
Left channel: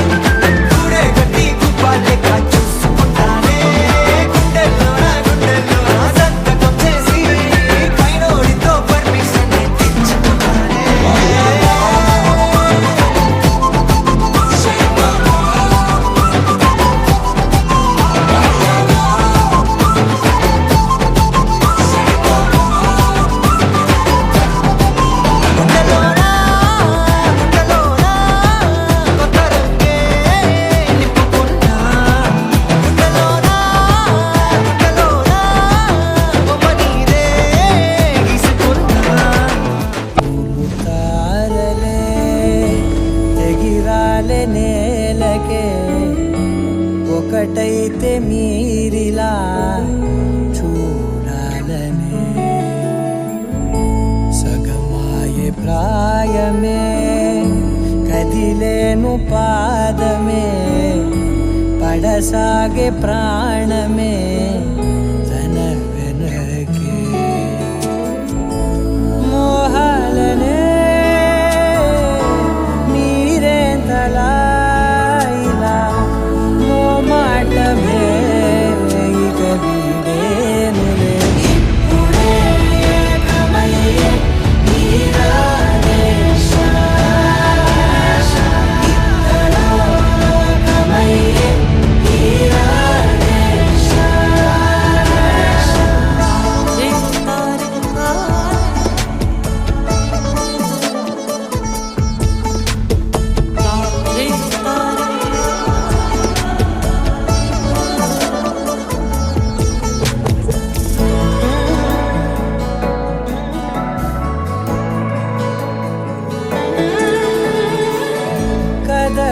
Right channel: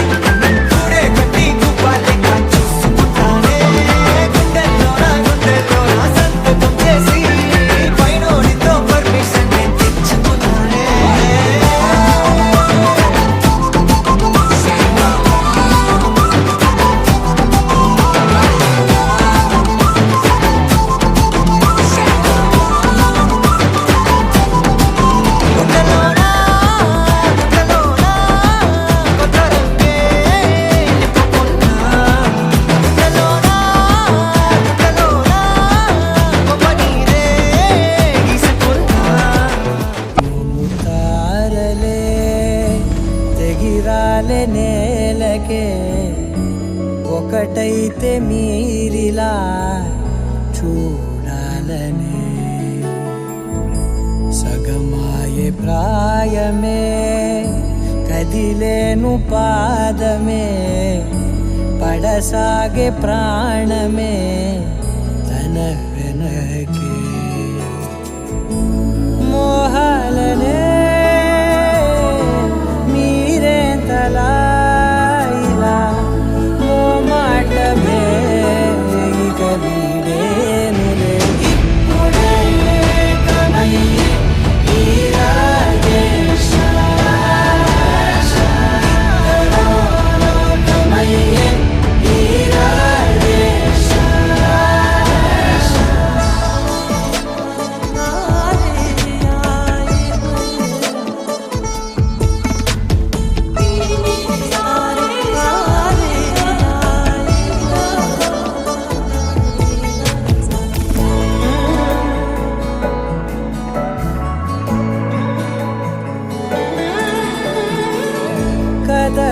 గూడే కట్టి గుప్పాలెక్క చూసుకుంటానే గుండెల్లోన సంతకం చేసి పైనోడితో పర్మిషన్ తెచ్చుకున్నానే గుండెల్లోన కొత్త రంగే నింపుకున్నా గుండెల్లోన బొమ్మ నీదే గీసుకున్నా ముతారలే తెగిరాలే నేలకే ఒకటైతే మీరిలా చూడాలనే సగమాయే ప్రాయమే కదిలేను పాదమే పడసాగే ప్రాణమే తన వెనకే మోహాలనే మీరేంతలా ఇలా మోమాటమే ఇక వీడేనులే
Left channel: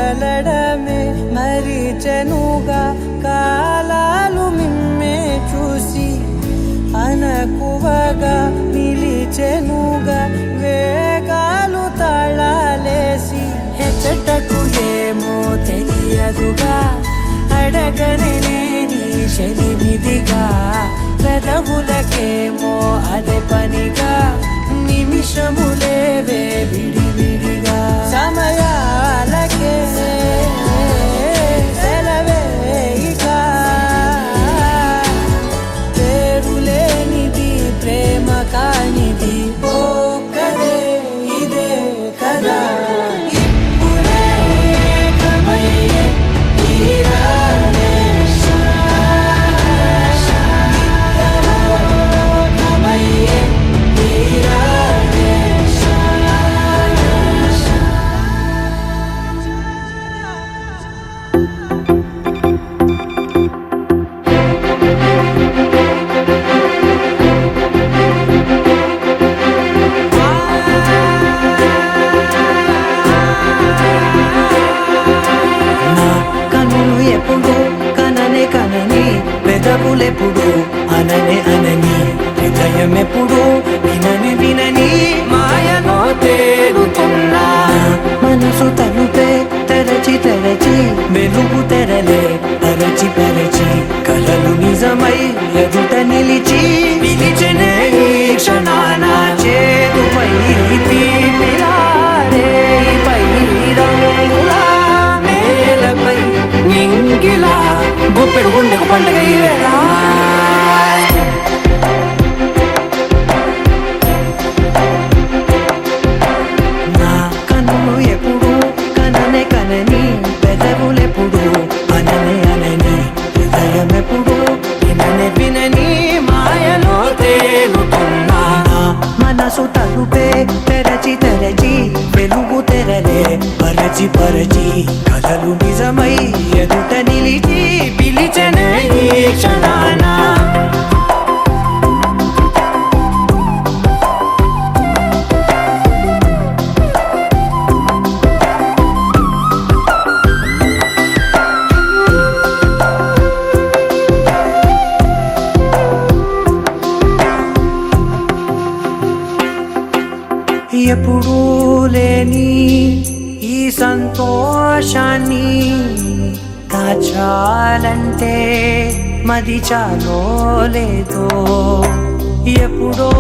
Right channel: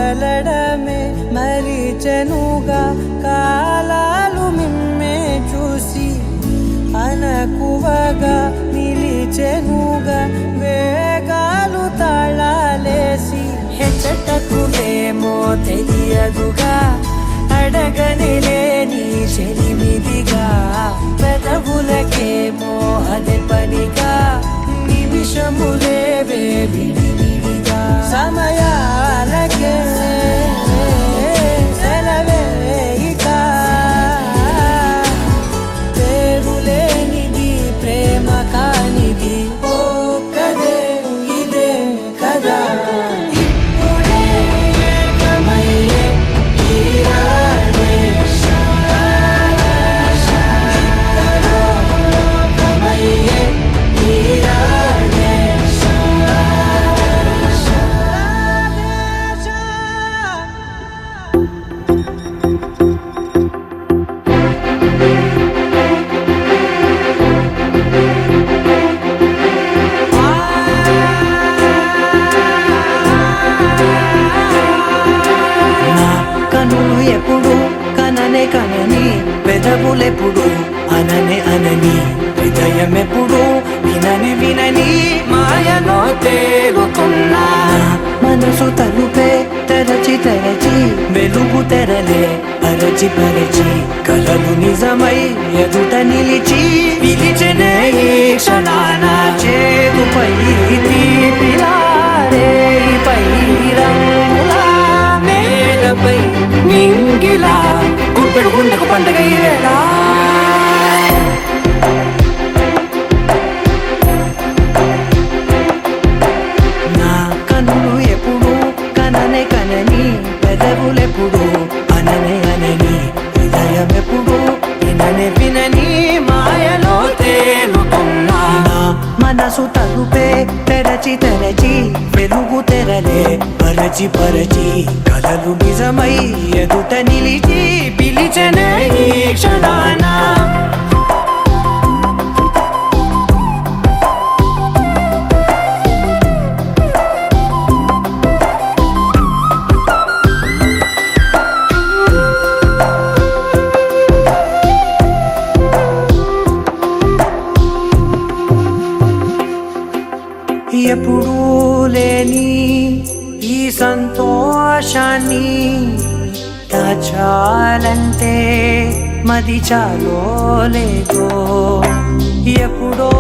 కదలడమే మరిచెనుగా కాలాలు మిమ్మే చూసి అనకువగా నిలిచెనుగా వేగాలు తాళాలేసి హెచ్చటకులేమో తెలియదుగా అడగనే లేని చెలిమిదిగా పెదవులకేమో అదే పనిగా నిమిషములేవే విడివిడిగా సమయాలకే సెలవే ఇక పేరులేనిది ప్రేమ కానిది ఓ కదే ఇదే కదా ఇప్పుడే కమయ్యే తీరాలే ఇద్దరో కమయ్యే తీరాలే నా కనులు ఎప్పుడు కననే కనని పెదవులెప్పుడు అననే అనని హృదయం ఎప్పుడు వినని వినని మాయలో తేలుతున్నా నా మనసు తలుపే తెరచి తెరచి వెలుగు తెరలే పరచి పరచి కలలు నిజమై ఎదుట నిలిచి పిలిచెనే ఈ క్షణాన చేతుపై తీపిలారే పై రంగులా నేలపై నింగిలా గుప్పెడు గుండెకు పండుగ ఈ వేళ నా కన్నులు ఎప్పుడు కననే కనని పెదవులెప్పుడు అననే అనని హృదయం ఎప్పుడు విననే వినని మాయలో తేలుతున్నా నా మనసు తలుపే తెరచి తెరచి వెలుగు తెరలే పరచి పరచి కలలు నిజమై ఎదుట నిలిచి పిలిచెనే ఈ క్షణాన ఎప్పుడూ లేని ఈ సంతోషాన్ని దాచాలంటే మది చాలో లేదో ఎప్పుడో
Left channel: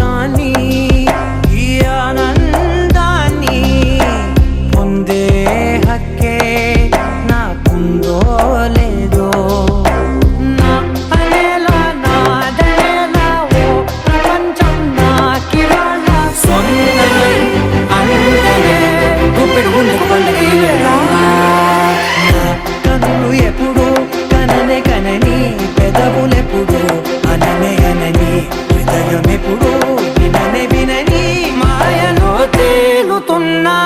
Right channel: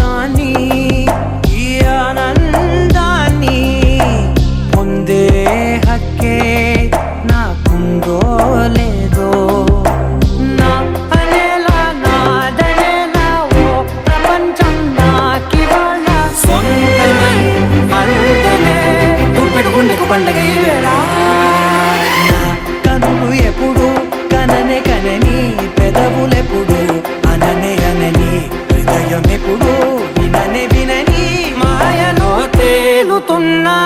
రాని ఈ ఆనందాన్ని పొందే హక్కే నాకుందో లేదో నా అనేలా నాదనేలా ఓ ప్రపంచం నాకివాళ్ళ సొంతమై అల్దనే గుప్పెడు గుండెకు పండుగ ఈ వేళ నా కనులు ఎప్పుడు కననే కనని పెదవులెప్పుడు అననే అనని హృదయం ఎప్పుడు విననే వినని మాయలో తేలుతున్నా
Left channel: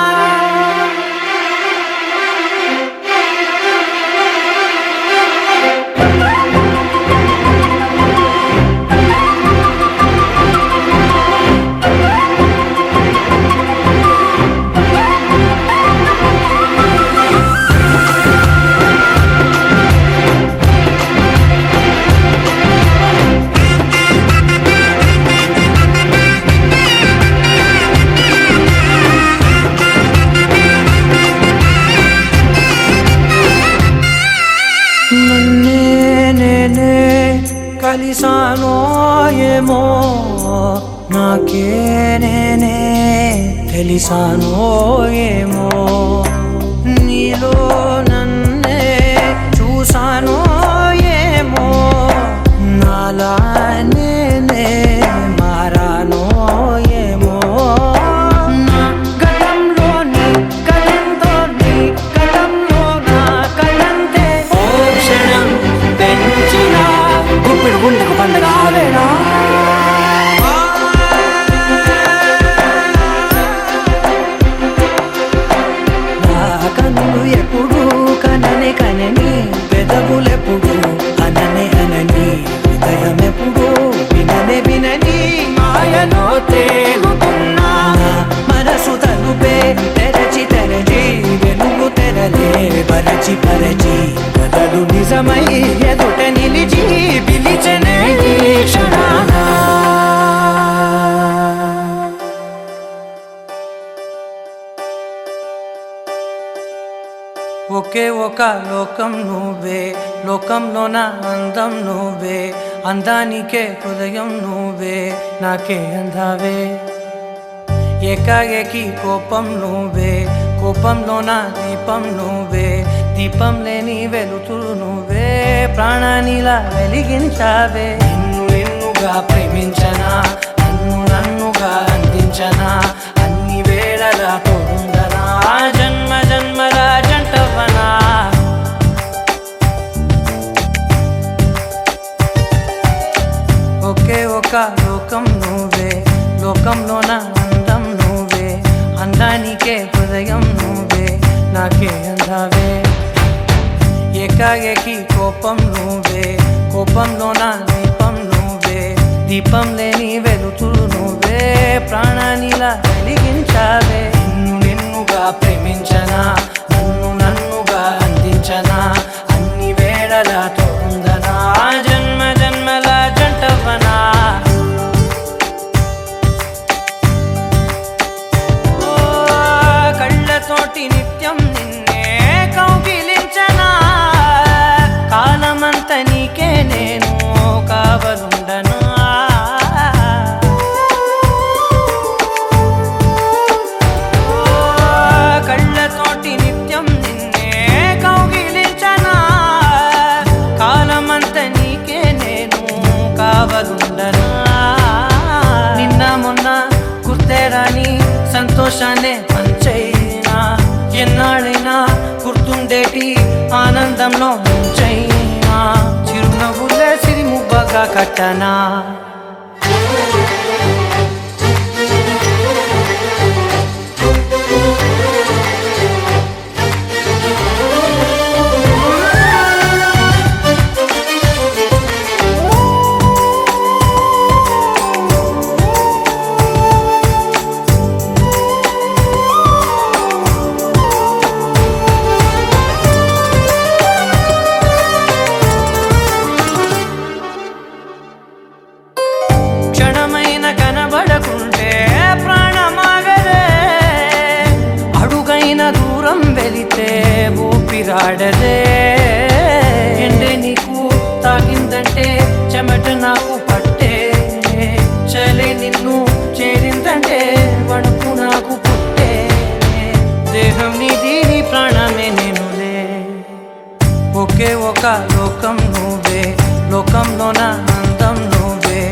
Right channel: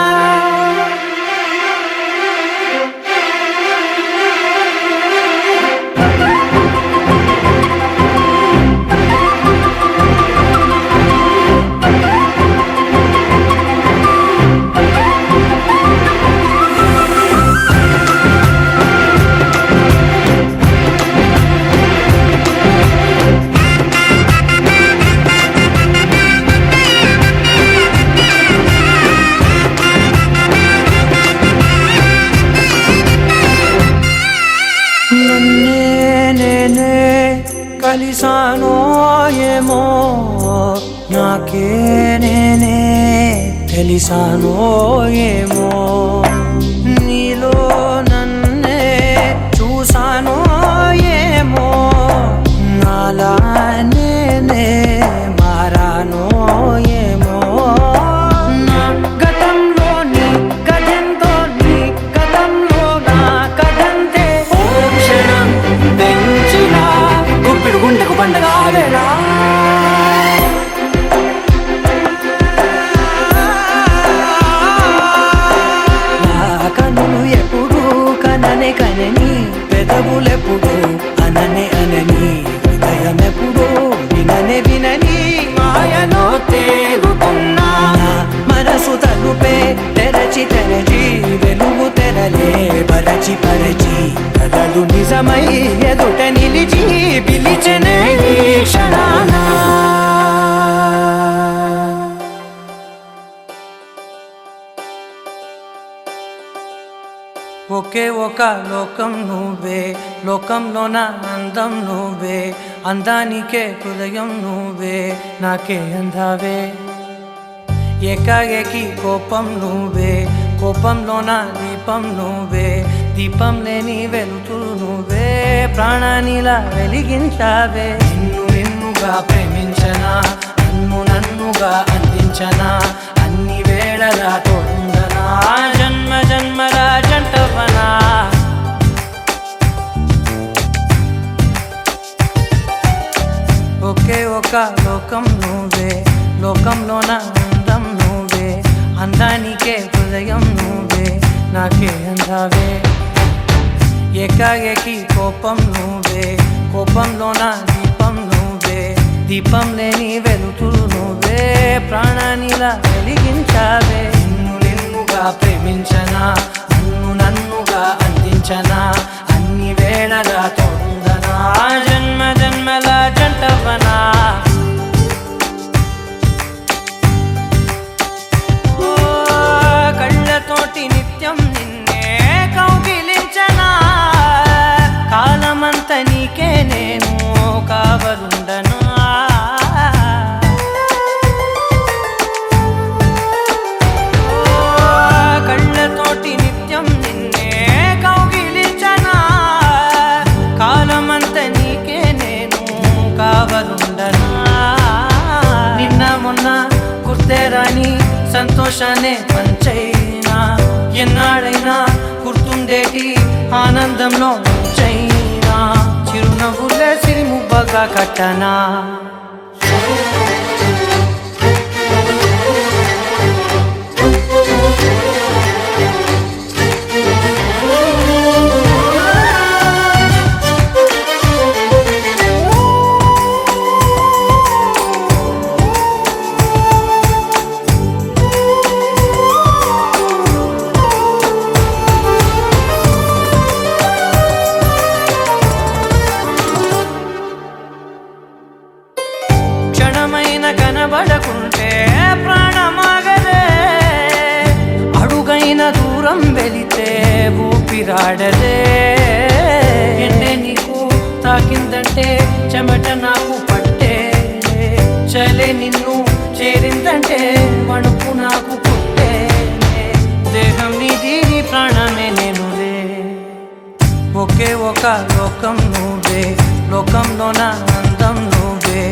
నన్నే నేనే కలిసానో ఏమో నాకే నేనే తెలిసానో ఏమో నీలో నన్నే చూసానో ఏమో నాలా నేనే మారానో ఏమో నా గతంలోని కథంతో నీ గతంలో నా కథంతే ఓ క్షణం పెంచిన గుప్పెడు గుండెకు పండుగ వేళ కనులు ఎప్పుడు కననే కనని పెదవులెప్పుడు అననే అనని హృదయం ఎప్పుడు విననే వినని మాయలో తేలుతున్నా నా మనసు తలుపే తెరచి తెరచి వెలుగు తెర కలలే పరచి పరచి కలలు నిజమై ఎదుట నిలిచి పిలిచనే క్షణానా ఒకే ఒక లోకం నువ్వే లోకంలోన అందం నువ్వే అందానికే హృదయం నువ్వే నాకే అందావే ఏకాఏకి కోపం నువ్వే కోపంలోన దీపం నువ్వే దీపం లేని వెలుతురు నువ్వే ప్రాణానిలా వెలిగించావే నిన్నుగా ప్రేమించనా నన్నుగా అందించనా అన్ని వేళలా తోడుందనా జన్మ జన్మల జంటవనా ఒకే ఒక లోకం నువ్వే లోకంలోన అందం నువ్వే అందానికే హృదయం నువ్వే నాకే అందావే ఏకాఏకి కోపం నువ్వే కోపంలోన దీపం నువ్వే దీపం లేని వెలుతురు నువ్వే ప్రాణానిలా వెలిగించావే నిన్నుగా ప్రేమించనా నన్నుగా అందించనా అన్ని వేళలా తోడుందనా జన్మ జన్మల జంటవనా కళ్ళతోటి నిత్యం నిన్నే కౌగిలించనా కాలమంత నీకే నేను కావలుండనా కళ్ళతోటి నిత్యం నిన్నే కౌగిలించనా కాలమంత నీకే నేను కావలుండనా నిన్న మొన్న గుర్తేరాని సంతోషాన్ని పంచైనా ఎన్నాళ్ళైనా గుర్తుండేటి ఆనందంలో ముంచైనా చిరునవ్వులే సిరిముబ్బగా కట్టనా క్షణమైన కనబడకుంటే ప్రాణమాగదే అడుగైన దూరం వెళితే ఊపిరాడదే ఎండే నీకు తాకిందంటే చెమట నాకు పట్టే చలే నిన్ను చేరిందంటే వణుకు నాకు పుట్టే దేహం నీది నీ ప్రాణమే నేనులే ఒకే ఒక లోకం నువ్వే లోకంలోన అందం నువ్వే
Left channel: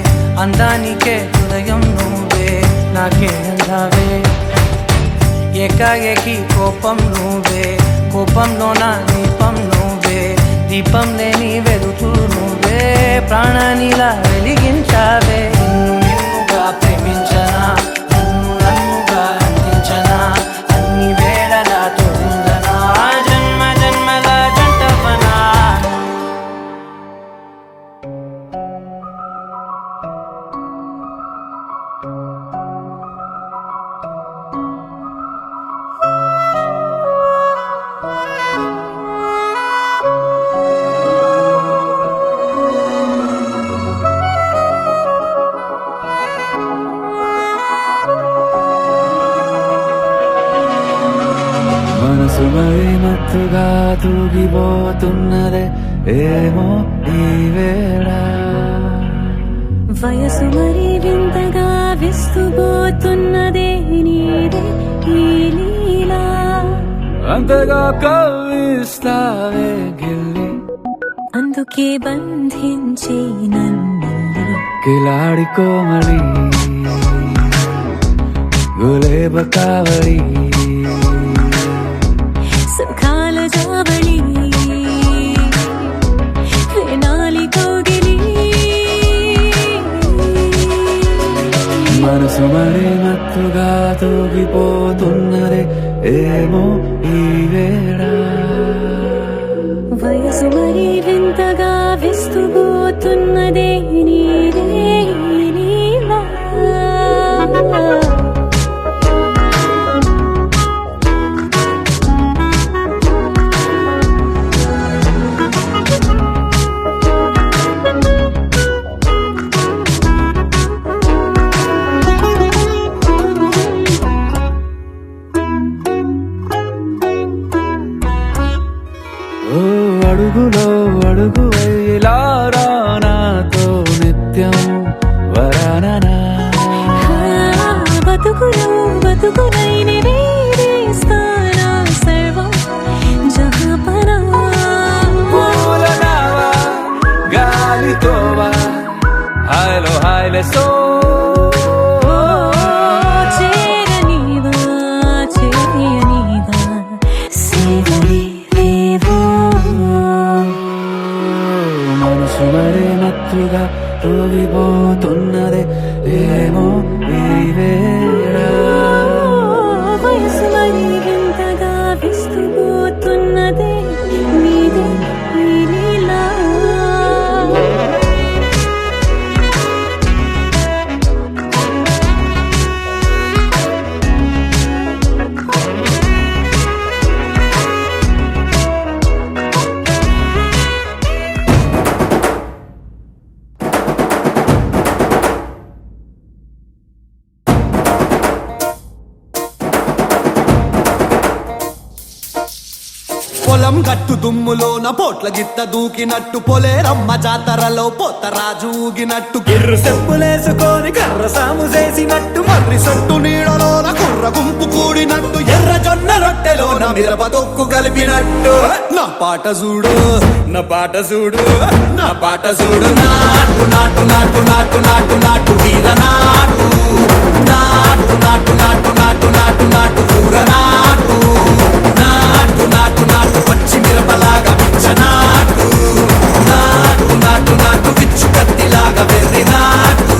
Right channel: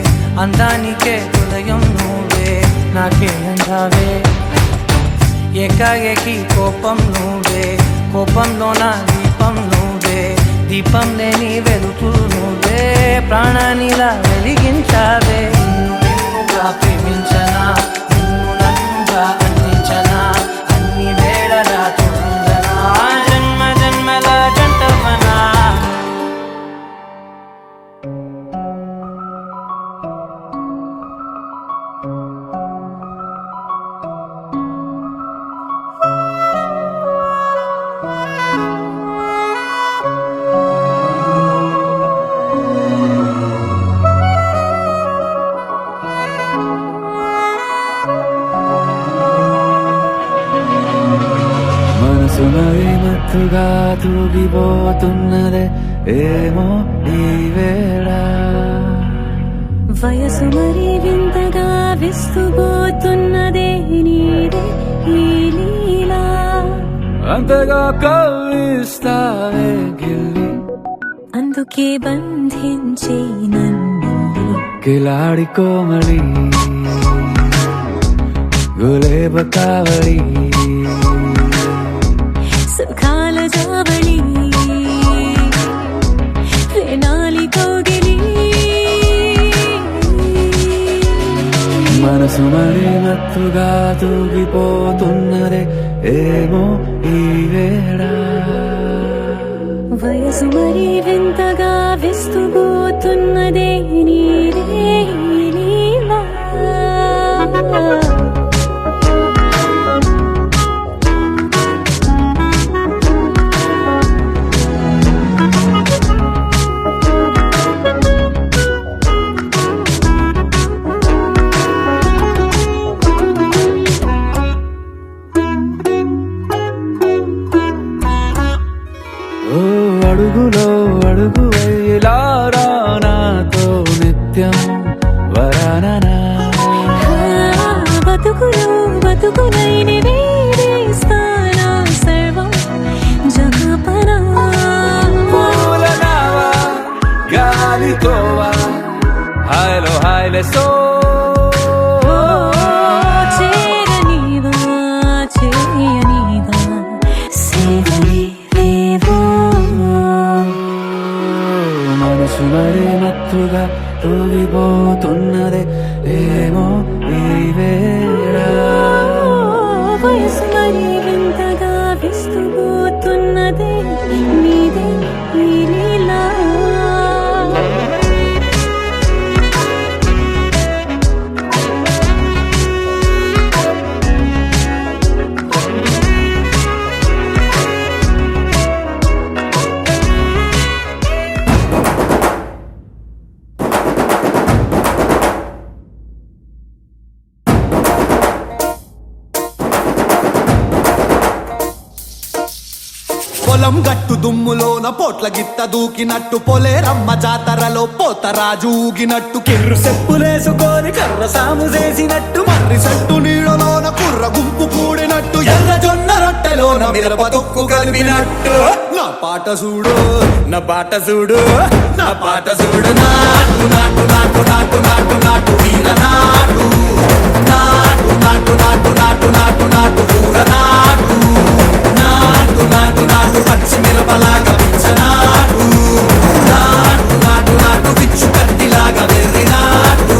అందానికే హృదయం నువ్వే నాకే అందావే ఏకాఏకి కోపం నువ్వే కోపంలోన దీపం నువ్వే దీపం లేని వెలుతురు నువ్వే ప్రాణానిలా వెలిగించావే నిన్నుగా ప్రేమించనా నన్నుగా అందించనా అన్ని వేళలా తోడుందనా జన్మ జన్మల జంటవనా మనసు మరి మత్తుగా తూగిపోతున్నదే ఏమో ఈ వేళ వయసు మరి వింతగా విస్తుపోతున్నదే నీదే ఈ లీలా అంతగా కవ్విస్తావే గిల్లి అందుకే బంధించి నన్ను కిలాడి కోమలి గులేబ కావడి సుఖాల జాబళి వేనాలి కౌగిలి మనసు మరి మత్తుగా తూగిపోతున్నదే ఏమో ఈ వేళ వయసు మరి వింతగా విస్తుపోతున్నదే నీదే ఈ లీలా బతుకులో బతుకునైని వేరేస్తానా సర్వం జహాపనా పూలనావా గాలితోవా హాయ్లో హాయ్లే సో చేరనీవా చేయనీవా సేవలే లేవో మనసు మరే మత్తుగా రోగిపోతున్నదే ఏమో ఈ వేళ వయసు మరి వింతగా విస్తుపోతున్నదే నీదే ఈ లీలా పొలం గట్టు దుమ్ములోన పోట్ల గిత్త దూకినట్టు పొలేరమ్మ జాతరలో పోతరాజు ఊగినట్టు కిర్రు చెప్పులేసుకొని కర్ర సాము చేసినట్టు మర్రి సొట్టు నీడలోన కుర్ర గుంపు కూడినట్టు ఎర్ర జొన్న రొట్టెలోన మిరప దొక్కు కలిపినట్టు నా పాట చూడు నా పాట చూడు నా పాట చూడు నాటు నాటు నాటు నాటు నాటు నాటు వీర నాటు నాటు నాటు నాటు నాటు నాటు నాటు కూర నాటు నాటు నాటు నాటు పచ్చి మిరపలాగా నాటు నాటు నాటు నాటు పిచ్చు కత్తిలాగా వెర్రి నాటు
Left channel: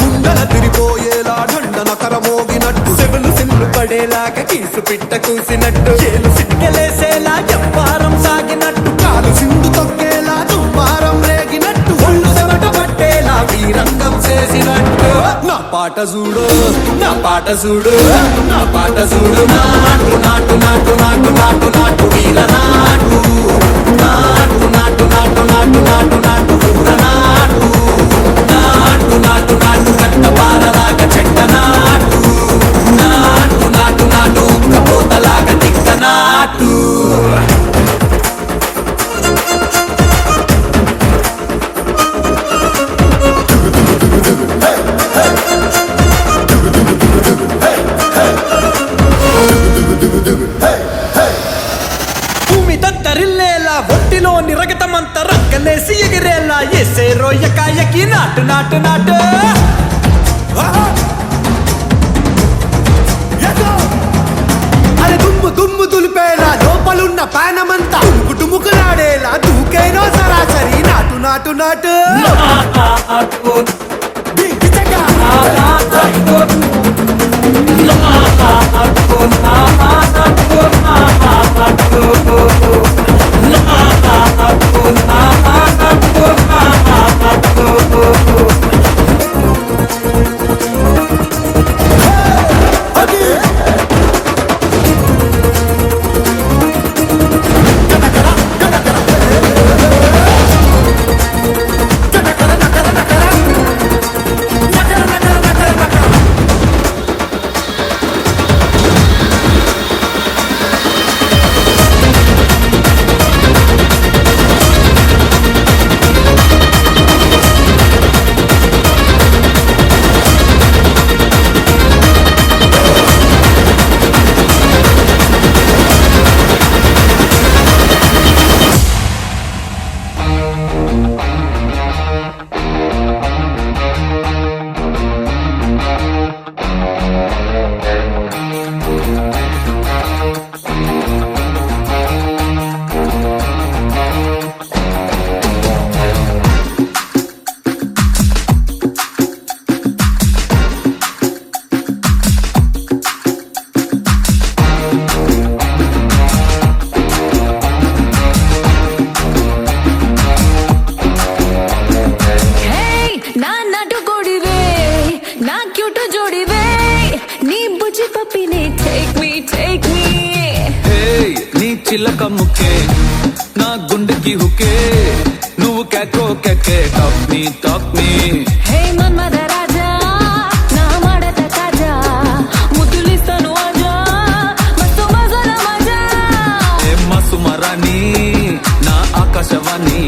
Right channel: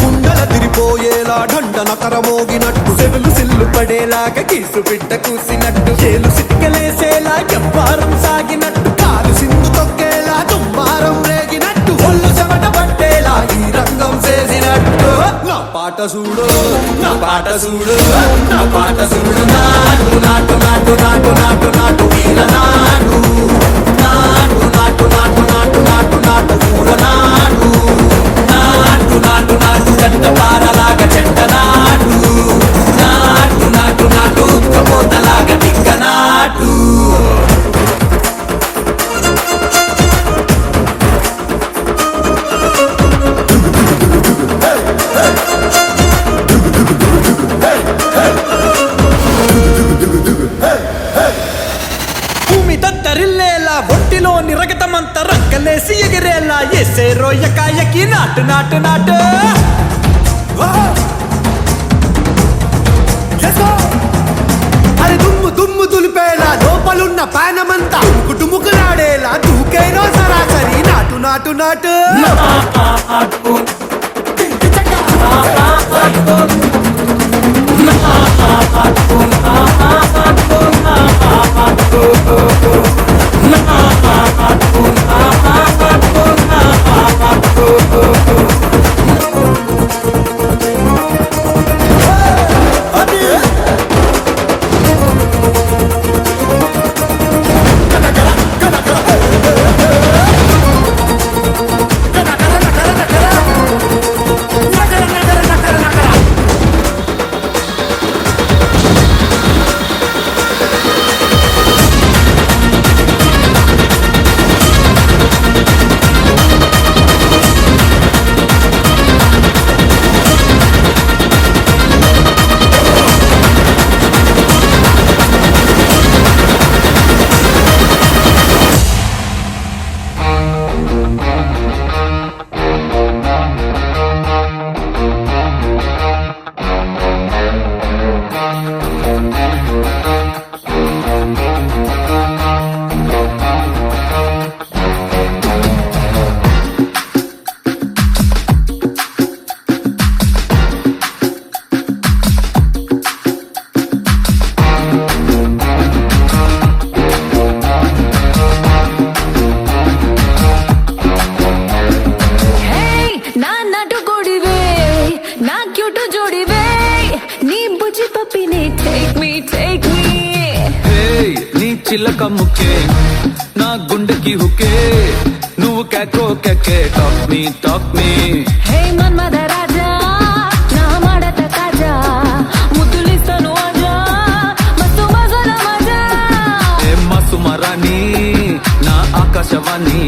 గుడ్డల తిరిపోయేలా ఢండన కరమోగినట్టు సెవలు సిల్లు పడేలాగా కీసు పిట్ట కూసినట్టు చేలు సిట్కెలేసేలా చెప్పారం సాగినట్టు కాలు సింధు తొక్కేలా దుమ్మారం రేగినట్టు ఒళ్ళు చెమట పట్టేలా ఈ రంగం చేసినట్టు నా పాట చూడు నా పాట చూడు నా పాట చూడు నాటు నాటు నాటు నాటు నాటు నాటు వీర నాటు నాటు నాటు నాటు నాటు నాటు నాటు కూర నాటు నాటు నాటు నాటు గట్ట పారలాగా చెట్ట నాటు నాటు నాటు నాటు కబోతలాగా టిక్క నాటు భూమి దద్దరిల్లేలా ఒంటిలోని రగతమంతా రక్కలేసి ఎగిరేలా ఎసే రోయకాయకి నాటు నాటు నాటు అరే దుమ్ము దుమ్ము దులిపేలా లోపలున్న పానమంతా డుముకులాడేలా దూకేనో సరాసరి నాటు నాటు నాటు చిలక ముక్కే నా గుండెకి హుకే నువ్వు కేకో కేకే టాక్ మీ హే మన్మథ రాజా నా మడత తాజా ముద్దులిస్తాను ఆజా మస్తు మజాల మజా ఏ మసుమరాణి నా ఆకాశవాణి